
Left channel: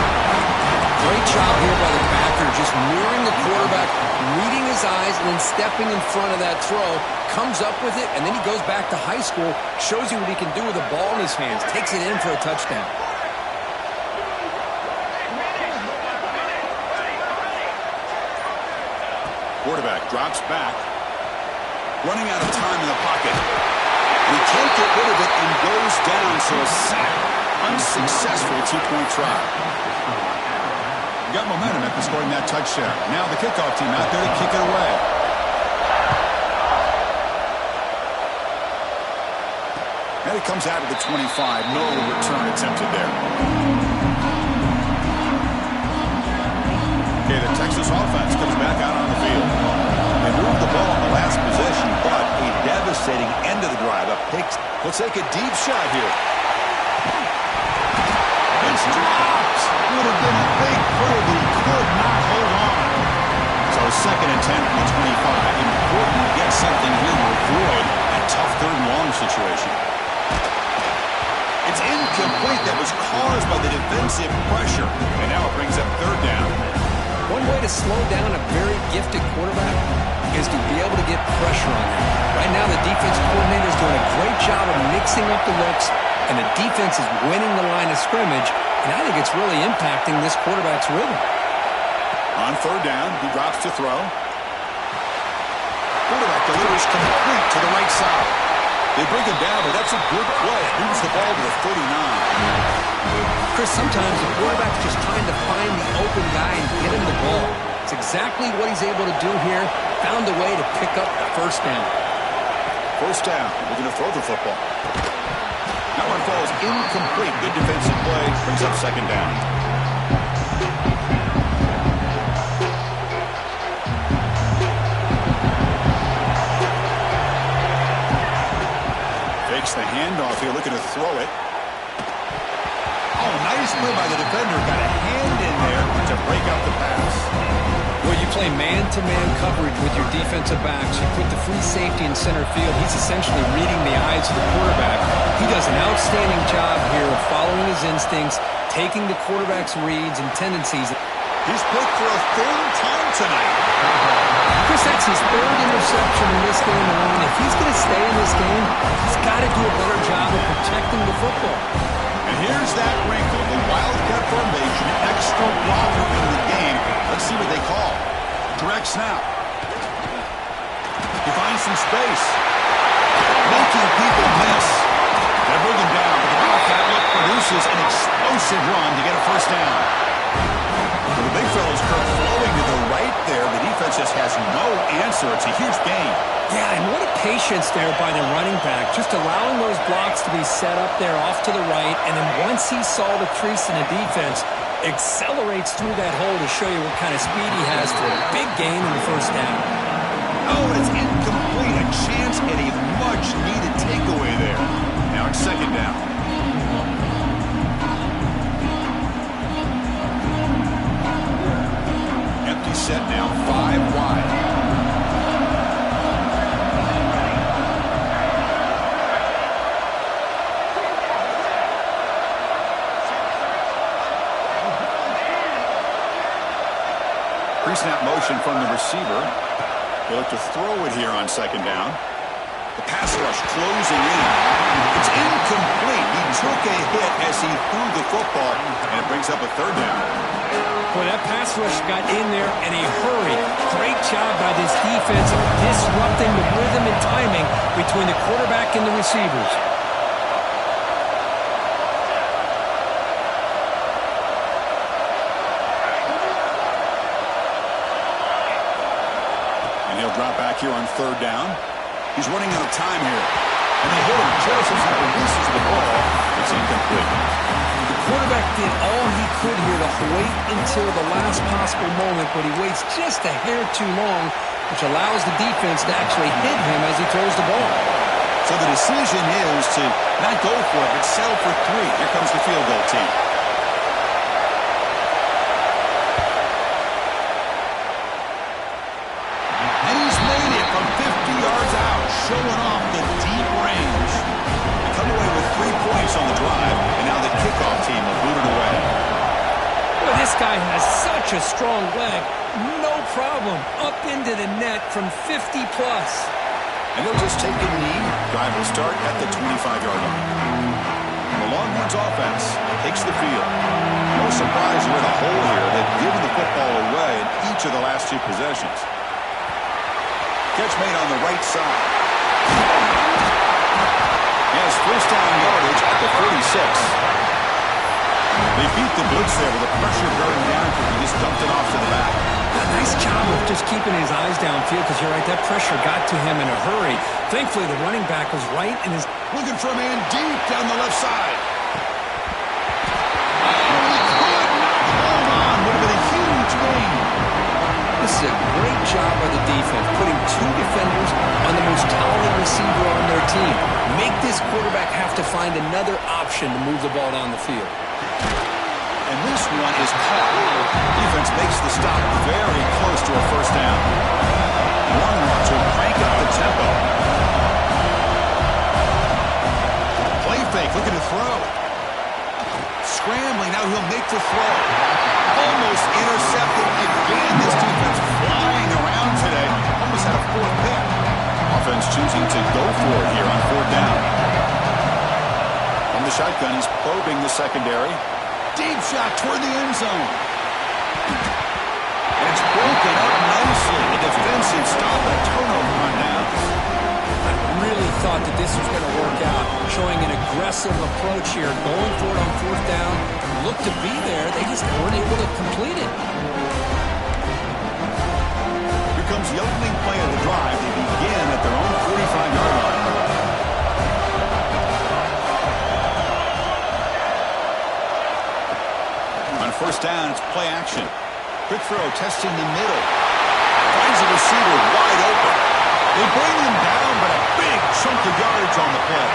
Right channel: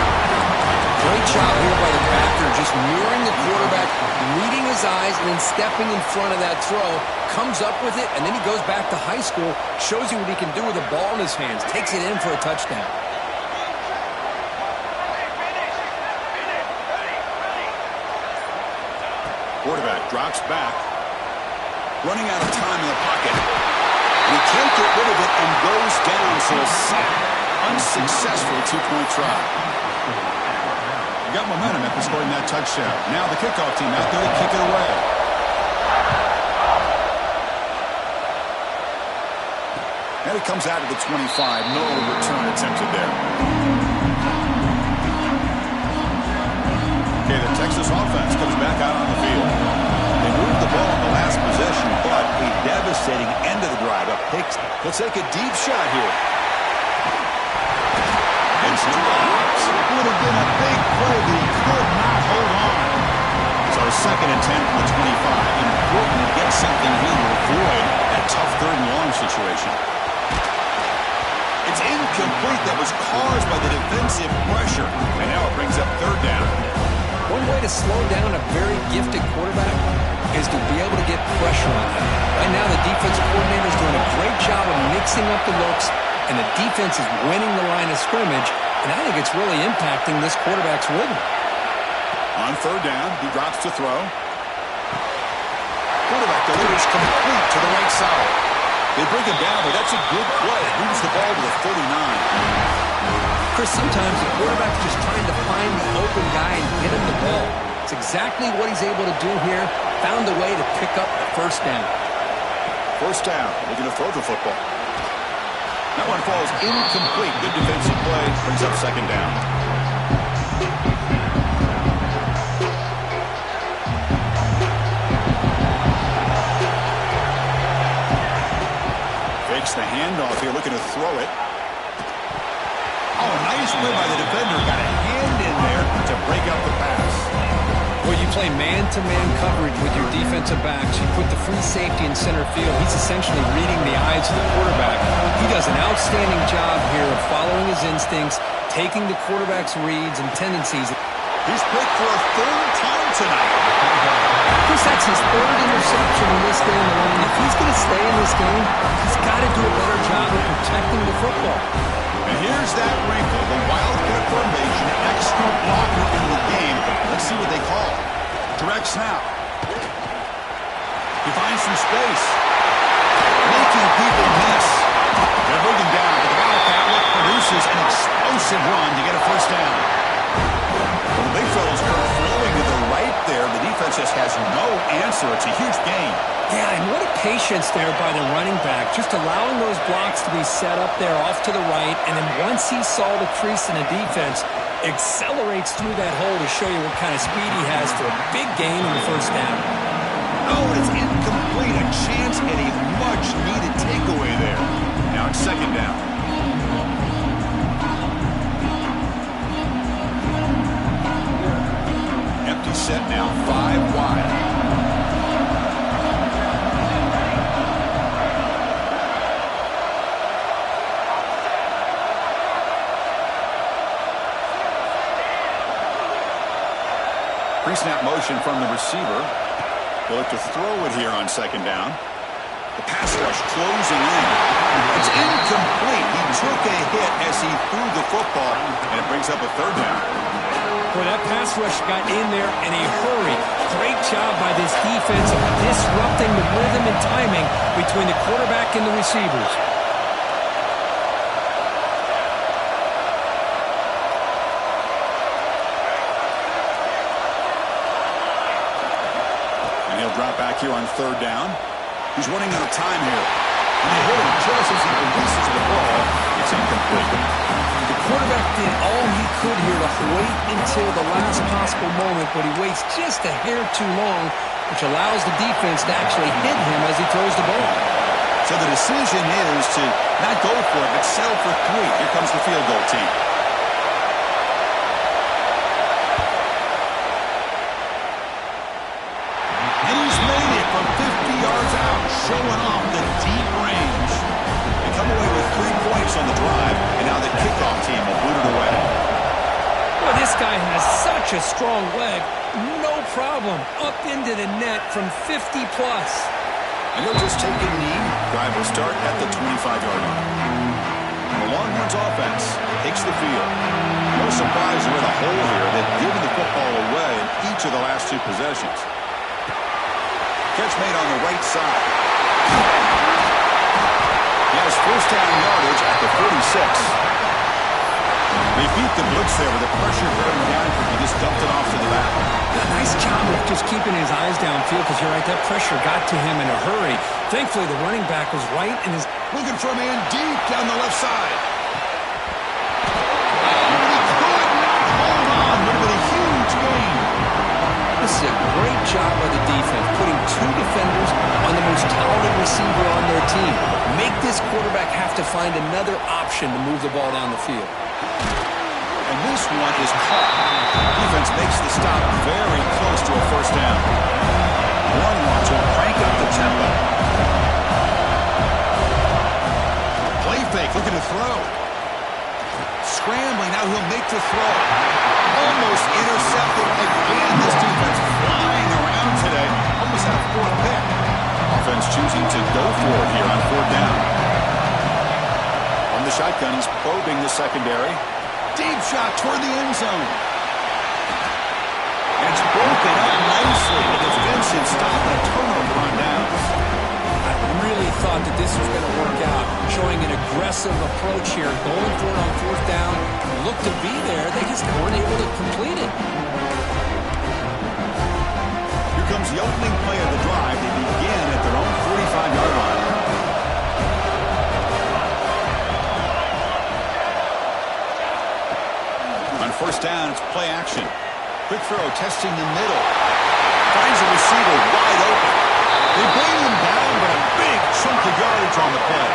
Great job here by the backer, just mirroring the quarterback, reading his eyes, and then stepping in front of that throw. Comes up with it, and then he goes back to high school, shows you what he can do with the ball in his hands, takes it in for a touchdown. Quarterback drops back. Running out of time in the pocket. He can't get rid of it and goes down, so a sack. Unsuccessful 2-point try. Got momentum after scoring that touchdown. Now the kickoff team out there to kick it away. And it comes out of the 25. No return attempted there. Okay, the Texas offense comes back out on the field. They moved the ball in the last possession, but a devastating end of the drive. A pick. He'll take a deep shot here. It's dropped. Would have been a big play, but he could not hold on. So 2nd and 10 from the 25. Important to get something here to avoid that tough 3rd and long situation. It's incomplete. That was caused by the defensive pressure. And now it brings up 3rd down. One way to slow down a very gifted quarterback is to be able to get pressure on him. Right now, the defensive coordinator is doing a great job of mixing up the looks, and the defense is winning the line of scrimmage, and I think it's really impacting this quarterback's rhythm. On 3rd down, he drops to throw. Quarterback delivers complete to the right side. They bring him down, but that's a good play. Moves the ball to the 39. Chris, sometimes the quarterback's just trying to find the open guy and get him the ball. It's exactly what he's able to do here. Found a way to pick up the 1st down. 1st down, looking to throw the football. That one falls incomplete. Good defensive play, brings up 2nd down. Fakes the handoff here, looking to throw it. Oh, nice play by the defender. Got a hand in there to break up the pass. Well, you play man-to-man coverage with your defensive backs. You put the free safety in center field. He's essentially reading the eyes of the quarterback. He does an outstanding job here of following his instincts, taking the quarterback's reads and tendencies. He's picked for a 3rd time tonight. Chris, that's his 3rd interception in this game alone. If he's going to stay in this game, he's got to do a better job of protecting the football. And here's that wrinkle, the Wildcat formation, extra blocker in the game. Let's see what they call. Direct snap. He finds some space. Making people miss. They're bringing down, but the Wildcat look produces an explosive run to get a 1st down. Well, the big fella's curve flowing to the right there. The defense just has no answer. It's a huge gain. Yeah, and what a patience there by the running back, just allowing those blocks to be set up there off to the right, and then once he saw the crease in the defense, accelerates through that hole to show you what kind of speed he has for a big gain in the 1st down. Oh, and it's incomplete. A chance at a much-needed takeaway there. Now it's second down. Empty set now, 5 wide. Pre-snap motion from the receiver. He'll look to throw it here on second down. The pass rush closing in. It's incomplete. He took a hit as he threw the football, and it brings up a third down. Boy, that pass rush got in there in a hurry. Great job by this defense of disrupting the rhythm and timing between the quarterback and the receivers. And he'll drop back here on third down. He's running out of time here. And they hit him just as he releases the ball. It's incomplete. The quarterback did all he could here to wait until the last possible moment, but he waits just a hair too long, which allows the defense to actually hit him as he throws the ball. So the decision is to not go for it, but settle for 3. Here comes the field goal team. And he's made it from 50 yards out, showing off the deep range. They come away with 3 points on the drive, and now the kickoff team will boot it away. Well, this guy has such a strong leg. No problem. Up into the net from 50-plus. And he'll just take a knee. Drive will start at the 25-yard line. The Longhorns offense takes the field. No surprise they're in a hole here. They've given the football away in each of the last 2 possessions. Catch made on the right side. He has first down yardage at the 46. They beat the blitz there with the pressure bearing down because he just dumped it off to the back. Nice job of just keeping his eyes downfield because you're right, that pressure got to him in a hurry. Thankfully, the running back was right and is looking for a man deep down the left side. Oh, he could not hold on. Would have been a huge gain. This is a great job by the defense, putting 2 defenders on the most talented receiver on their team. Make this quarterback have to find another option to move the ball down the field. And this one is caught. Defense makes the stop very close to a first down. Longhorns will crank up the tempo. Play fake, looking to throw. Scrambling, now he'll make the throw. Almost intercepted again. This defense flying around today. Almost had a 4th pick. Offense choosing to go for it here on 4th down. On the shotgun, he's probing the secondary. Deep shot toward the end zone. And it's broken up nicely. A defensive stop and a turnover on downs. I really thought that this was going to work out, showing an aggressive approach here, going for it on 4th down. Looked to be there. They just weren't able to complete it. Here comes the opening play of the drive. They begin at their own 45-yard line. On first down, it's play action. Quick throw, testing the middle. Finds the receiver wide open. They bring him down, but a big chunk of yardage on the play.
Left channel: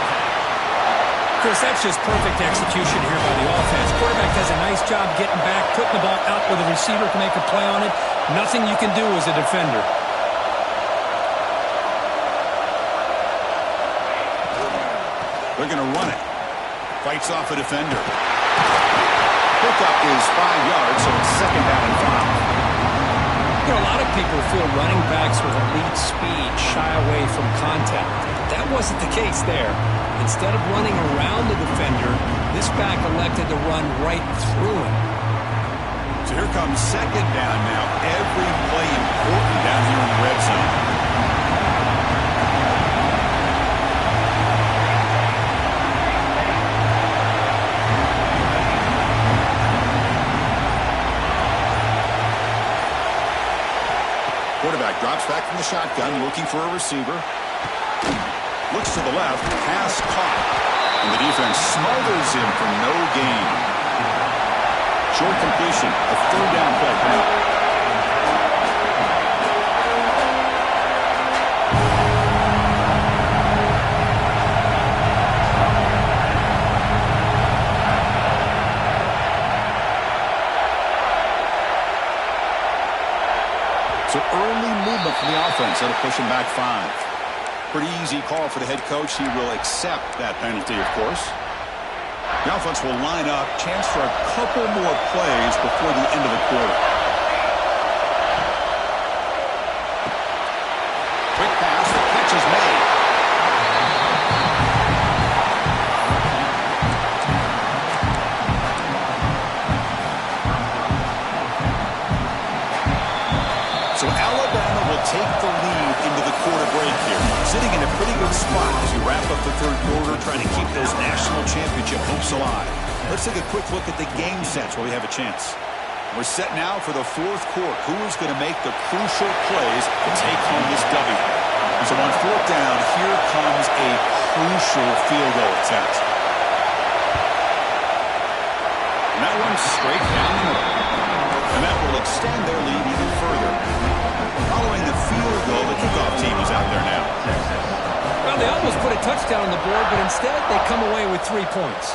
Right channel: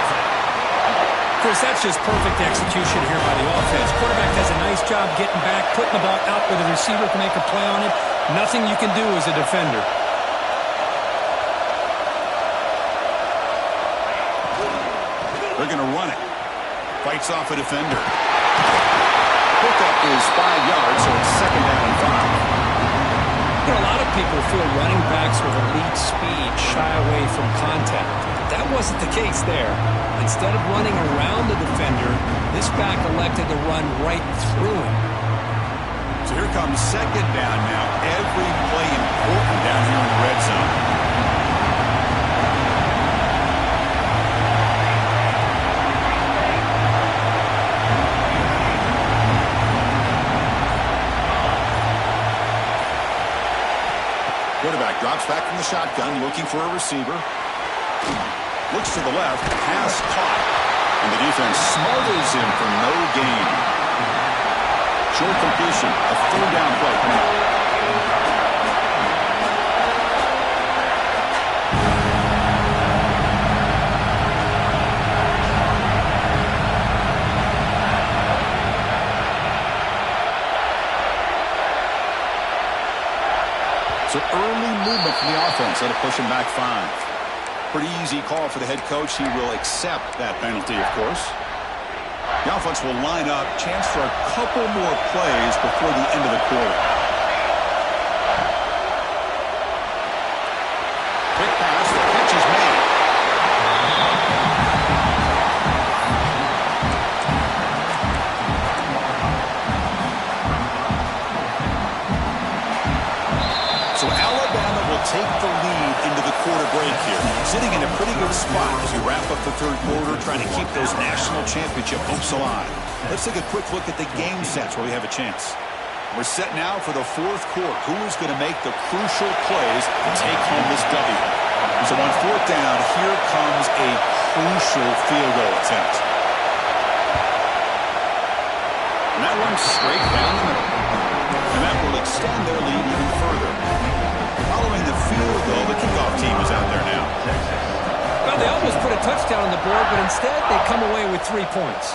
Chris, that's just perfect execution here by the offense. Quarterback does a nice job getting back, putting the ball out where the receiver can make a play on it. Nothing you can do as a defender. They're going to run it. Fights off a defender. Pickup is 5 yards, so it's second down and 5. You know, a lot of people feel running backs with elite speed shy away from contact. But that wasn't the case there. Instead of running around the defender, this back elected to run right through him. So here comes second down now. Every play important down here in the red zone. Quarterback drops back from the shotgun, looking for a receiver. Looks to the left, pass caught. And the defense smothers him for no gain. Short completion, a 3rd down play coming up. So early movement from the offense. That'll push him back 5. Pretty easy call for the head coach. He will accept that penalty, of course. The offense will line up. Chance for a couple more plays before the end of the quarter. Quick pass. The catch is made. So Alabama will take the lead into the quarter break here. Sitting in a pretty good spot as you wrap up the third quarter, trying to keep those national championship hopes alive. Let's take a quick look at the game sets while we have a chance. We're set now for the fourth quarter. Who is going to make the crucial plays to take home this W? So on fourth down, here comes a crucial field goal attempt. And that one's straight down the middle. And that will extend their lead even further. Following the field goal, the kickoff team is out there now. Well, they almost put a touchdown on the board, but instead they come away with 3 points.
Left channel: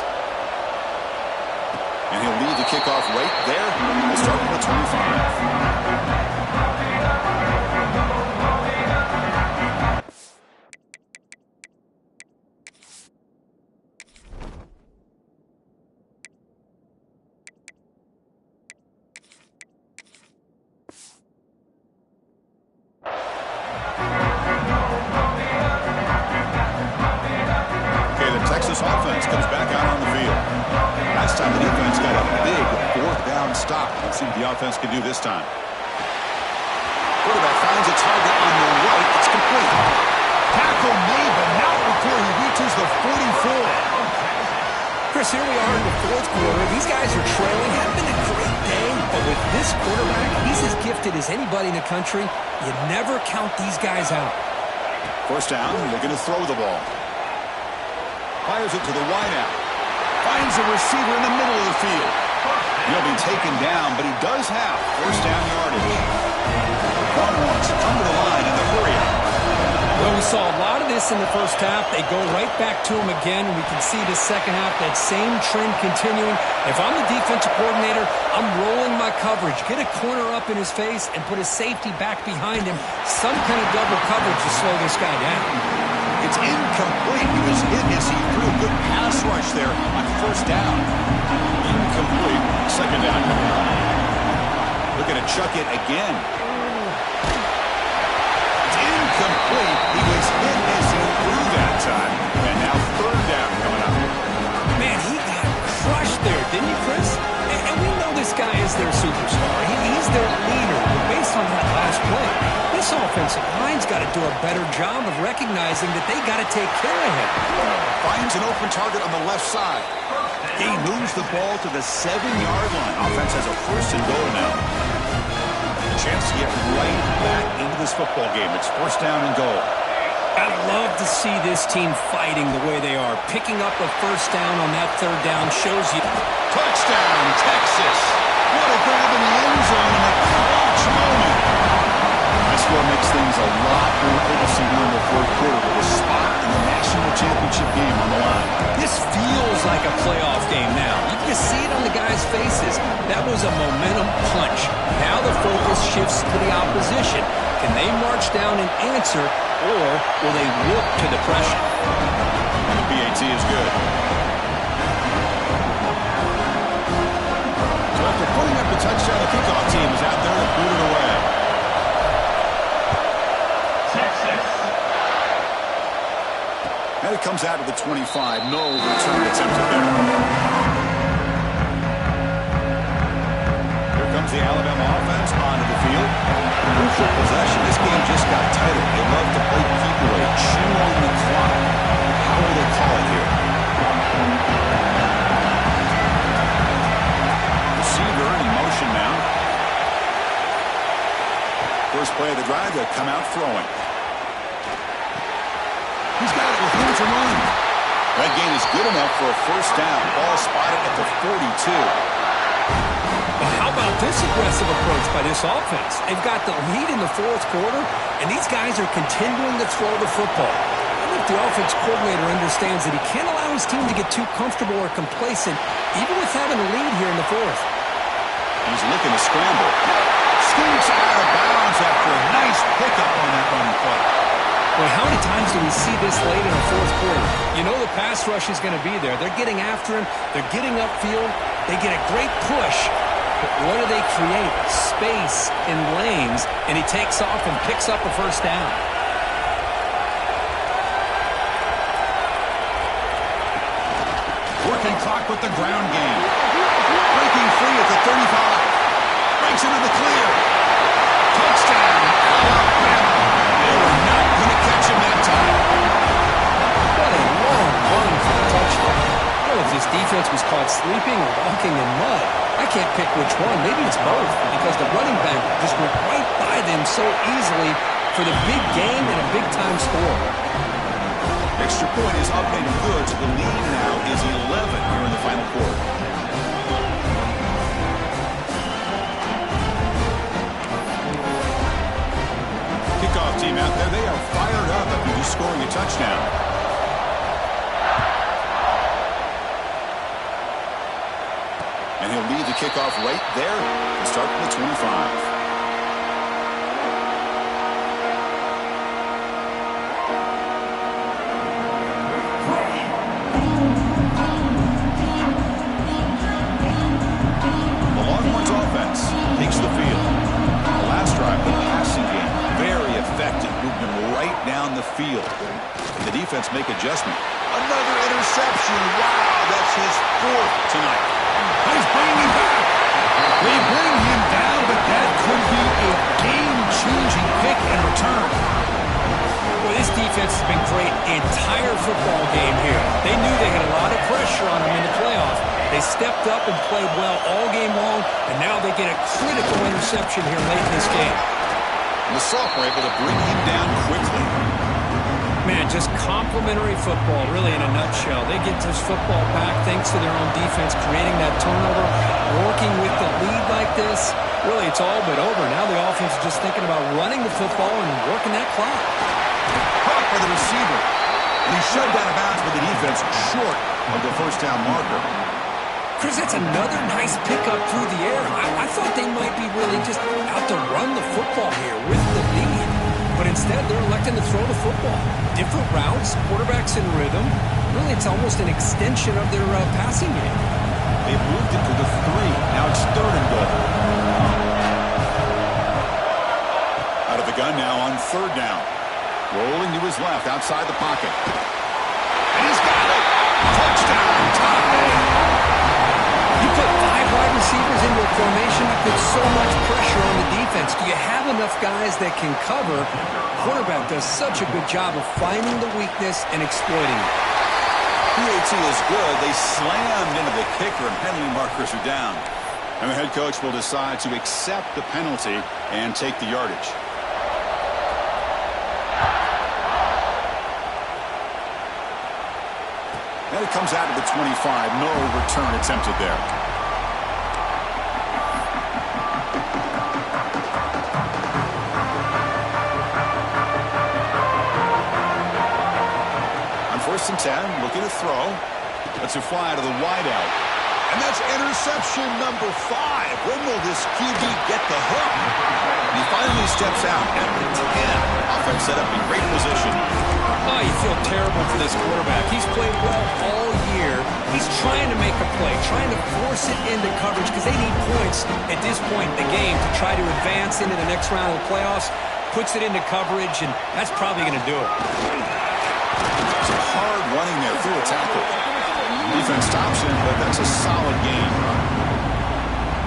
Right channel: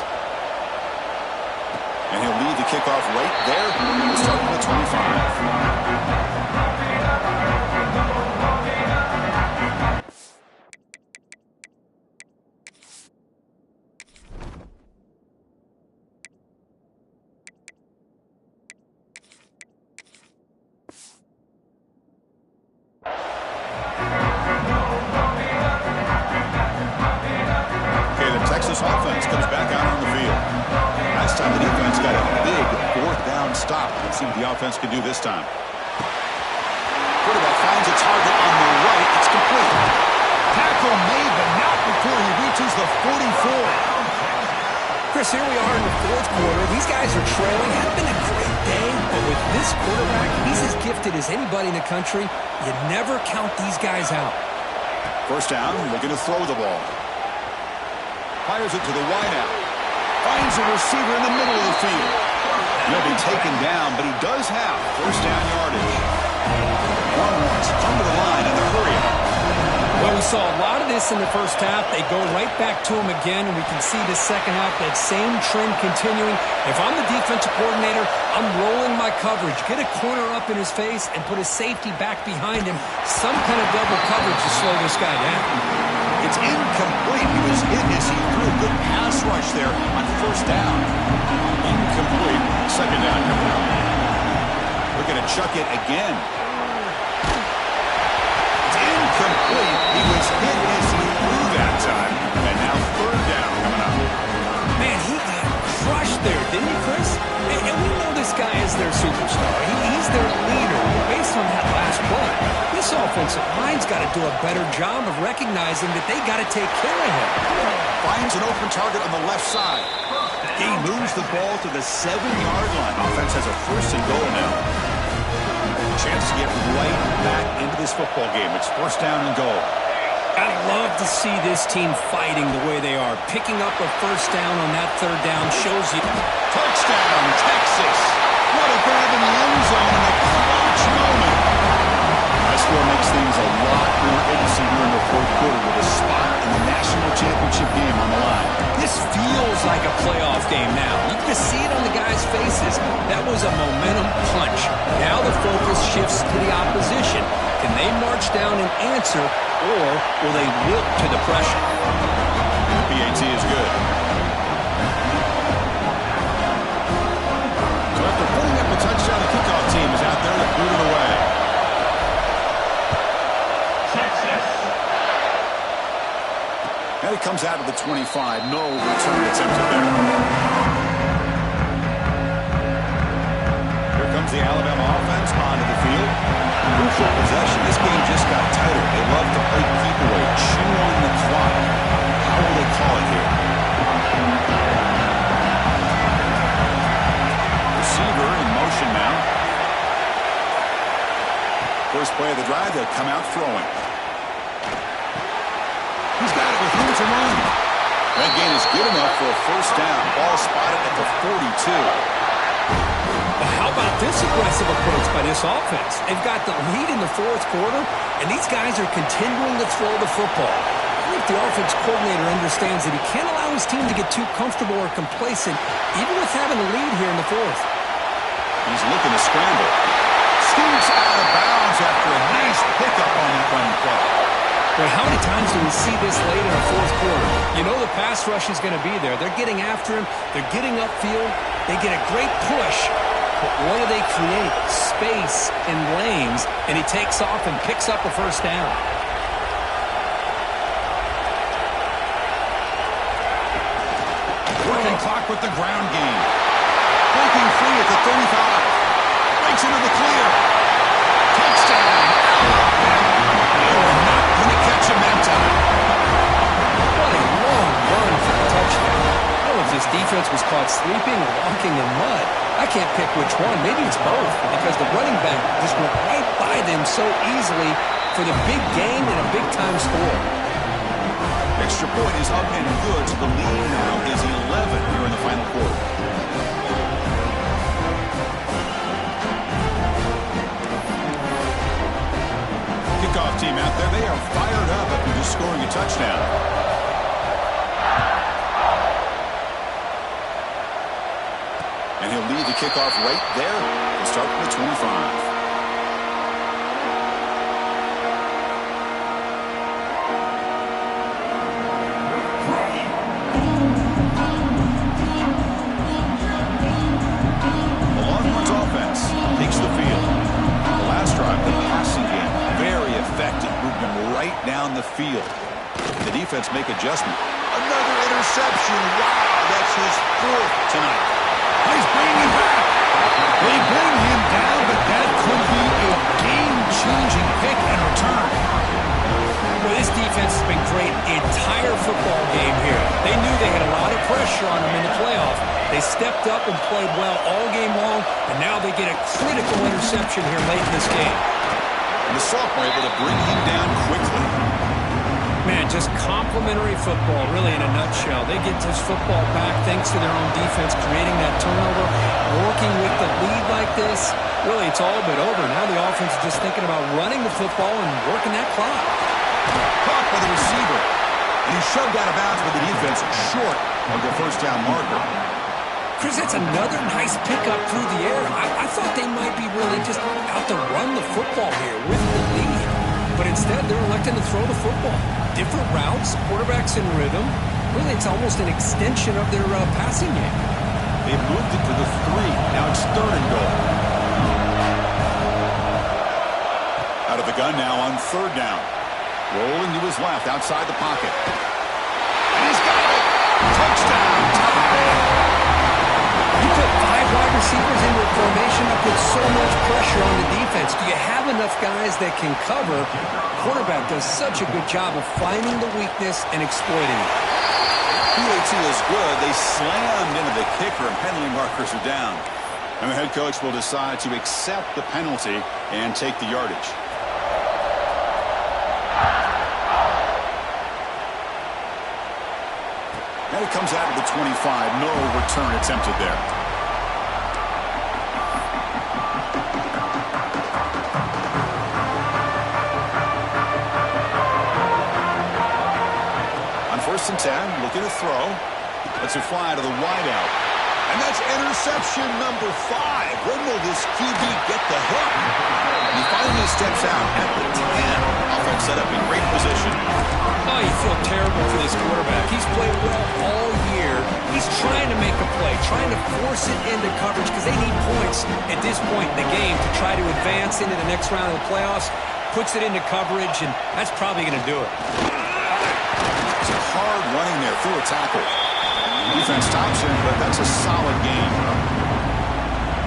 And he'll lead the kickoff right there. We'll start from the 25. Texas offense comes back out on the field. Last time the defense got a big fourth down stop. Let's see what the offense can do this time. Quarterback finds a target on the right. It's complete. Tackle made, but not before he reaches the 44. Chris, here we are in the fourth quarter. These guys are trailing. Had been a great day, but with this quarterback, he's as gifted as anybody in the country. You never count these guys out. First down, looking to throw the ball. Fires it to the wideout. Finds a receiver in the middle of the field. He'll be taken down, but he does have first down yardage. Longhorns come to the line in the hurry-up. Well, we saw a lot of this in the first half. They go right back to him again, and we can see the second half, that same trend continuing. If I'm the defensive coordinator, I'm rolling my coverage. Get a corner up in his face and put a safety back behind him. Some kind of double coverage to slow this guy down. It's incomplete. He was hit as he threw a good pass rush there on first down. Incomplete. Second down coming up. Looking to chuck it again. It's incomplete. He was hit as he threw that time. And now third down coming up. Man, he got crushed there, didn't he, Chris? And we know this guy is their superstar. He's their leader. But based on that last play, this offensive line's got to do a better job of recognizing that they got to take care of him. Finds an open target on the left side. He moves the ball to the 7-yard line. Offense has a first and goal now. A chance to get right back into this football game. It's first down and goal. I love to see this team fighting the way they are. Picking up a first down on that third down shows you. Touchdown, Texas. What a grab in the end zone in a clutch moment. High score makes things a lot more interesting here in the fourth quarter with a spot in the national championship game on the line. This feels like a playoff game now. You can see it on the guys' faces. That was a momentum punch. Now the focus shifts to the opposition. Can they march down and answer, or will they wilt to the pressure? And the PAT is good. So after putting up a touchdown, the kickoff team is out there to boot it away. Texas. And it comes out of the 25. No return attempted there. Here comes the Alabama offense onto the field. Crucial possession. This game just got tighter. They love to play keep away, chew on the clock. How will they call it here? Receiver in motion now. First play of the drive, they'll come out throwing. He's got it with room to run. That gain is good enough for a first down. Ball spotted at the 42. Well, how about this aggressive approach by this offense? They've got the lead in the fourth quarter, and these guys are continuing to throw the football. I think the offense coordinator understands that he can't allow his team to get too comfortable or complacent, even with having a lead here in the fourth. He's looking to scramble. scoots out of bounds after a nice pickup on that running play. Boy, how many times do we see this late in a fourth quarter? You know the pass rush is going to be there. They're getting after him. They're getting upfield. They get a great push. But what do they create? Space in lanes, and he takes off and picks up a first down. Working clock with the ground game. Breaking free at the 35. Breaks into the clear. Touchdown, Alabama. They were not going to catch him that time. What a long run for the touchdown. I don't know if this defense was caught sleeping or walking in mud. I can't pick which one. Maybe it's both, because the running back just went right by them so easily for the big gain and a big-time score. Extra point is up and good, so the lead now is 11 here in the final quarter. Kickoff team out there, they are fired up after just scoring a touchdown. And he'll lead the kickoff right there to start from the 25. The Longhorns offense takes the field. The last drive, the passing game, very effective. Moved him right down the field. The defense make adjustment. Another interception. Wow, that's his fourth tonight. He's bringing him back. They bring him down, but that could be a game-changing pick and return. Well, this defense has been great the entire football game here. They knew they had a lot of pressure on them in the playoff. They stepped up and played well all game long, and now they get a critical interception here late in this game. And the sophomore able to bring him down quickly. Man, just complimentary football, really, in a nutshell. They get this football back thanks to their own defense, creating that turnover, working with the lead like this. Really, it's all but over. Now the offense is just thinking about running the football and working that clock. Caught by the receiver. And he's shoved out of bounds by the defense short of the first down marker. Chris, that's another nice pickup through the air. I thought they might be really just out to run the football here with the lead. But instead, they're electing to throw the football. Different routes, quarterbacks in rhythm. Really, it's almost an extension of their passing game. They've moved it to the 3. Now it's 3rd and goal. Out of the gun now on 3rd down. Rolling to his left outside the pocket. And he's got it. Touchdown, tie. You put 5 wide receivers into a formation that puts so much pressure on the defense. Do you have enough guys that can cover? Quarterback does such a good job of finding the weakness and exploiting it. PAT is good. They slammed into the kicker, and penalty markers are down. And the head coach will decide to accept the penalty and take the yardage. And it comes out of the 25. No return attempted there. On 1st and 10, looking to throw. Lets it fly to the wideout. And that's interception number 5. When will this QB get the hook? And he finally steps out at the 10. Offense set up in great position. Oh, you feel terrible for this quarterback. He's played well all year. He's trying to make a play, trying to force it into coverage because they need points at this point in the game to try to advance into the next round of the playoffs. Puts it into coverage, and that's probably going to do it. It's a hard running there through a tackle. Defense stops him, but that's a solid game.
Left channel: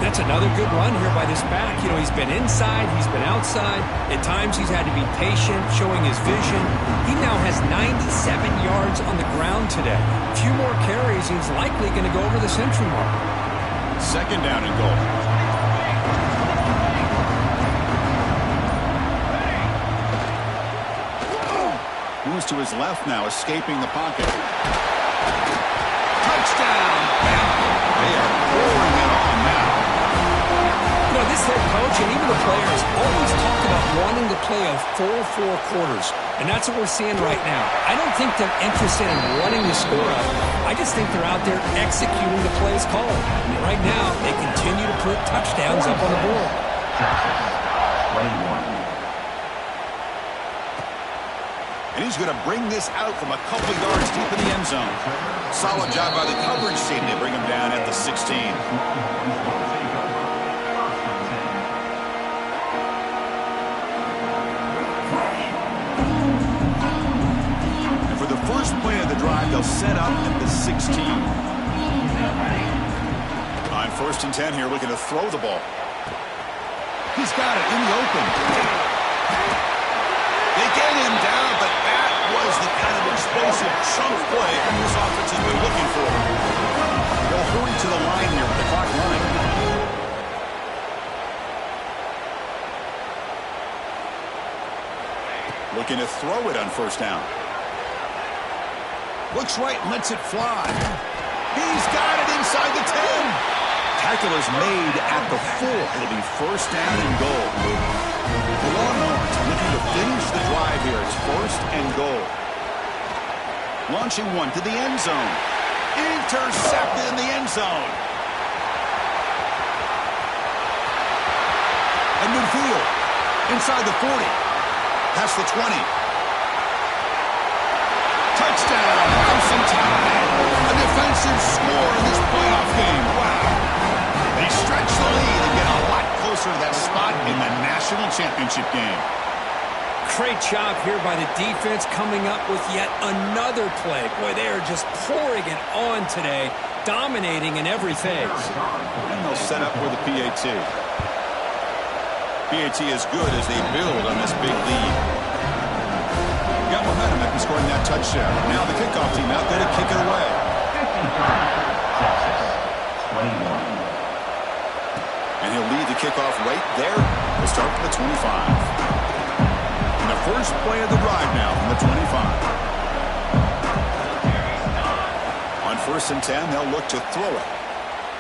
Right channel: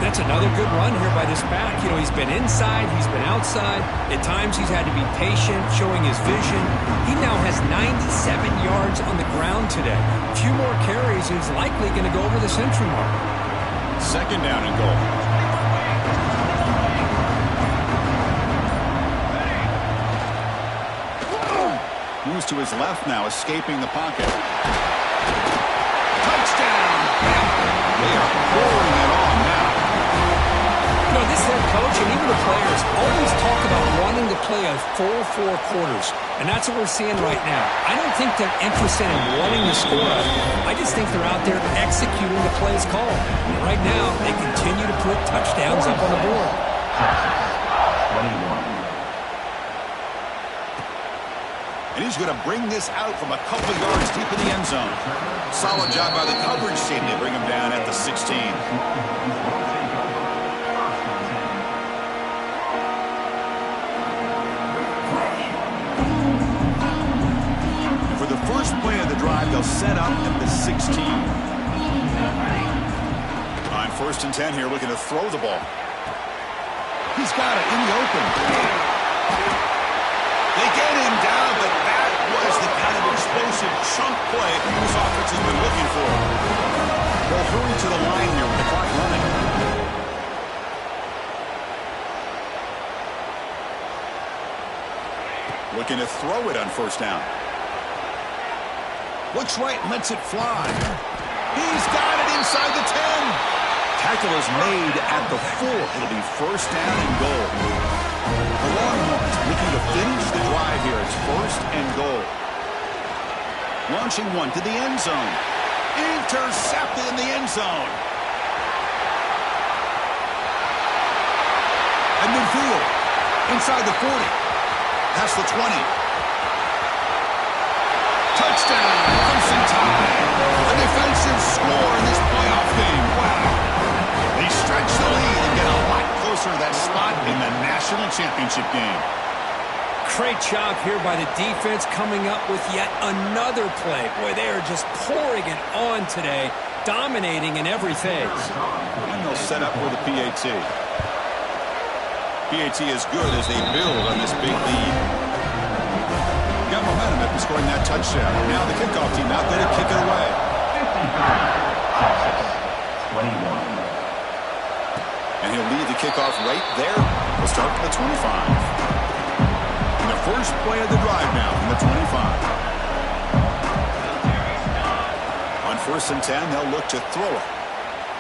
That's another good run here by this back. You know, he's been inside, he's been outside. At times, he's had to be patient, showing his vision. He now has 97 yards on the ground today. A few more carries, he's likely going to go over the century mark. 2nd down and goal. Moves to his left now, escaping the pocket. Touchdown, Bama. They are pouring it on now. You know, this head coach and even the players always talk about wanting to play a full 4 quarters, and that's what we're seeing right now. I don't think they're interested in running the score up. I just think they're out there executing the plays called. And right now, they continue to put touchdowns up on the board. Texas, 21. And he's going to bring this out from a couple yards deep in the end zone. Solid job by the coverage team to bring him down at the 16. And for the first play of the drive, they'll set up at the 16. On 1st and 10 here, looking to throw the ball. He's got it in the open. They get him down, but that was the kind of explosive chunk play this offense has been looking for. They'll hurry to the line here with the clock running. Looking to throw it on 1st down. Looks right, lets it fly. He's got it inside the 10. Tackle is made at the 4. It'll be 1st down and goal. The Longhorns looking to finish the drive here. It's 1st and goal. Launching one to the end zone. Intercepted in the end zone. At midfield. Inside the 40. Past the 20. Touchdown. Crimson Tide. A defensive score in this playoff game. Wow. They stretch the lead and get a lot closer to that spot in the national championship game. Great job here by the defense coming up with yet another play. Boy, they are just pouring it on today, dominating in every phase. And they'll set up for the PAT. PAT is good as they build on this big lead. Got momentum after scoring that touchdown. Now the kickoff team out there to kick it away. 53, Texas, 21. And he'll lead the kickoff right there. We'll start from the 25. And the first play of the drive now from the 25. On 1st and 10, they'll look to throw it.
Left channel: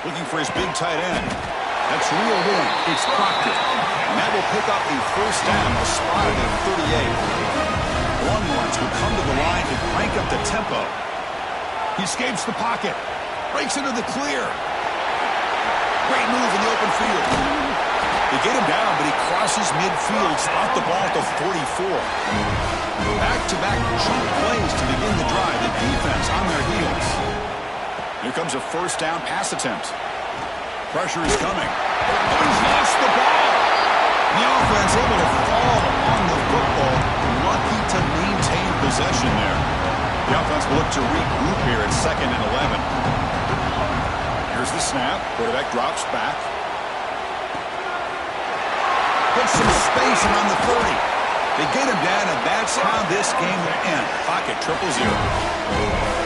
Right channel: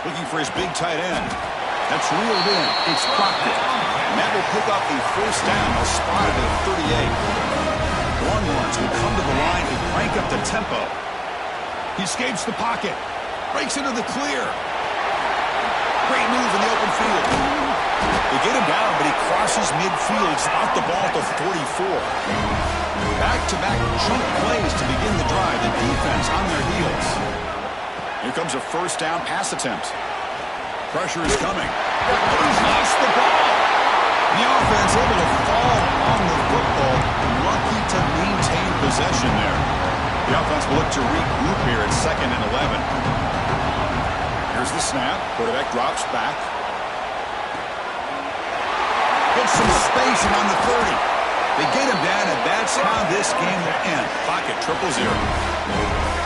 Looking for his big tight end. That's reeled in. It's Proctor. And that will pick up a 1st down. They'll spot it at 38. The Longhorns will come to the line and crank up the tempo. He escapes the pocket. Breaks into the clear. Great move in the open field. They get him down, but he crosses midfield, spot the ball at the 44. Back-to-back chunk plays to begin the drive. The defense on their heels. Here comes a 1st down pass attempt. Pressure is coming. Oh, he's lost the ball. The offense able to fall on the football. Lucky to maintain possession there. The offense will look to regroup here at 2nd and 11. Here's the snap. Quarterback drops back. Gets some space and on the 30. They get him down, and that's how this game will end. Pocket 0-0.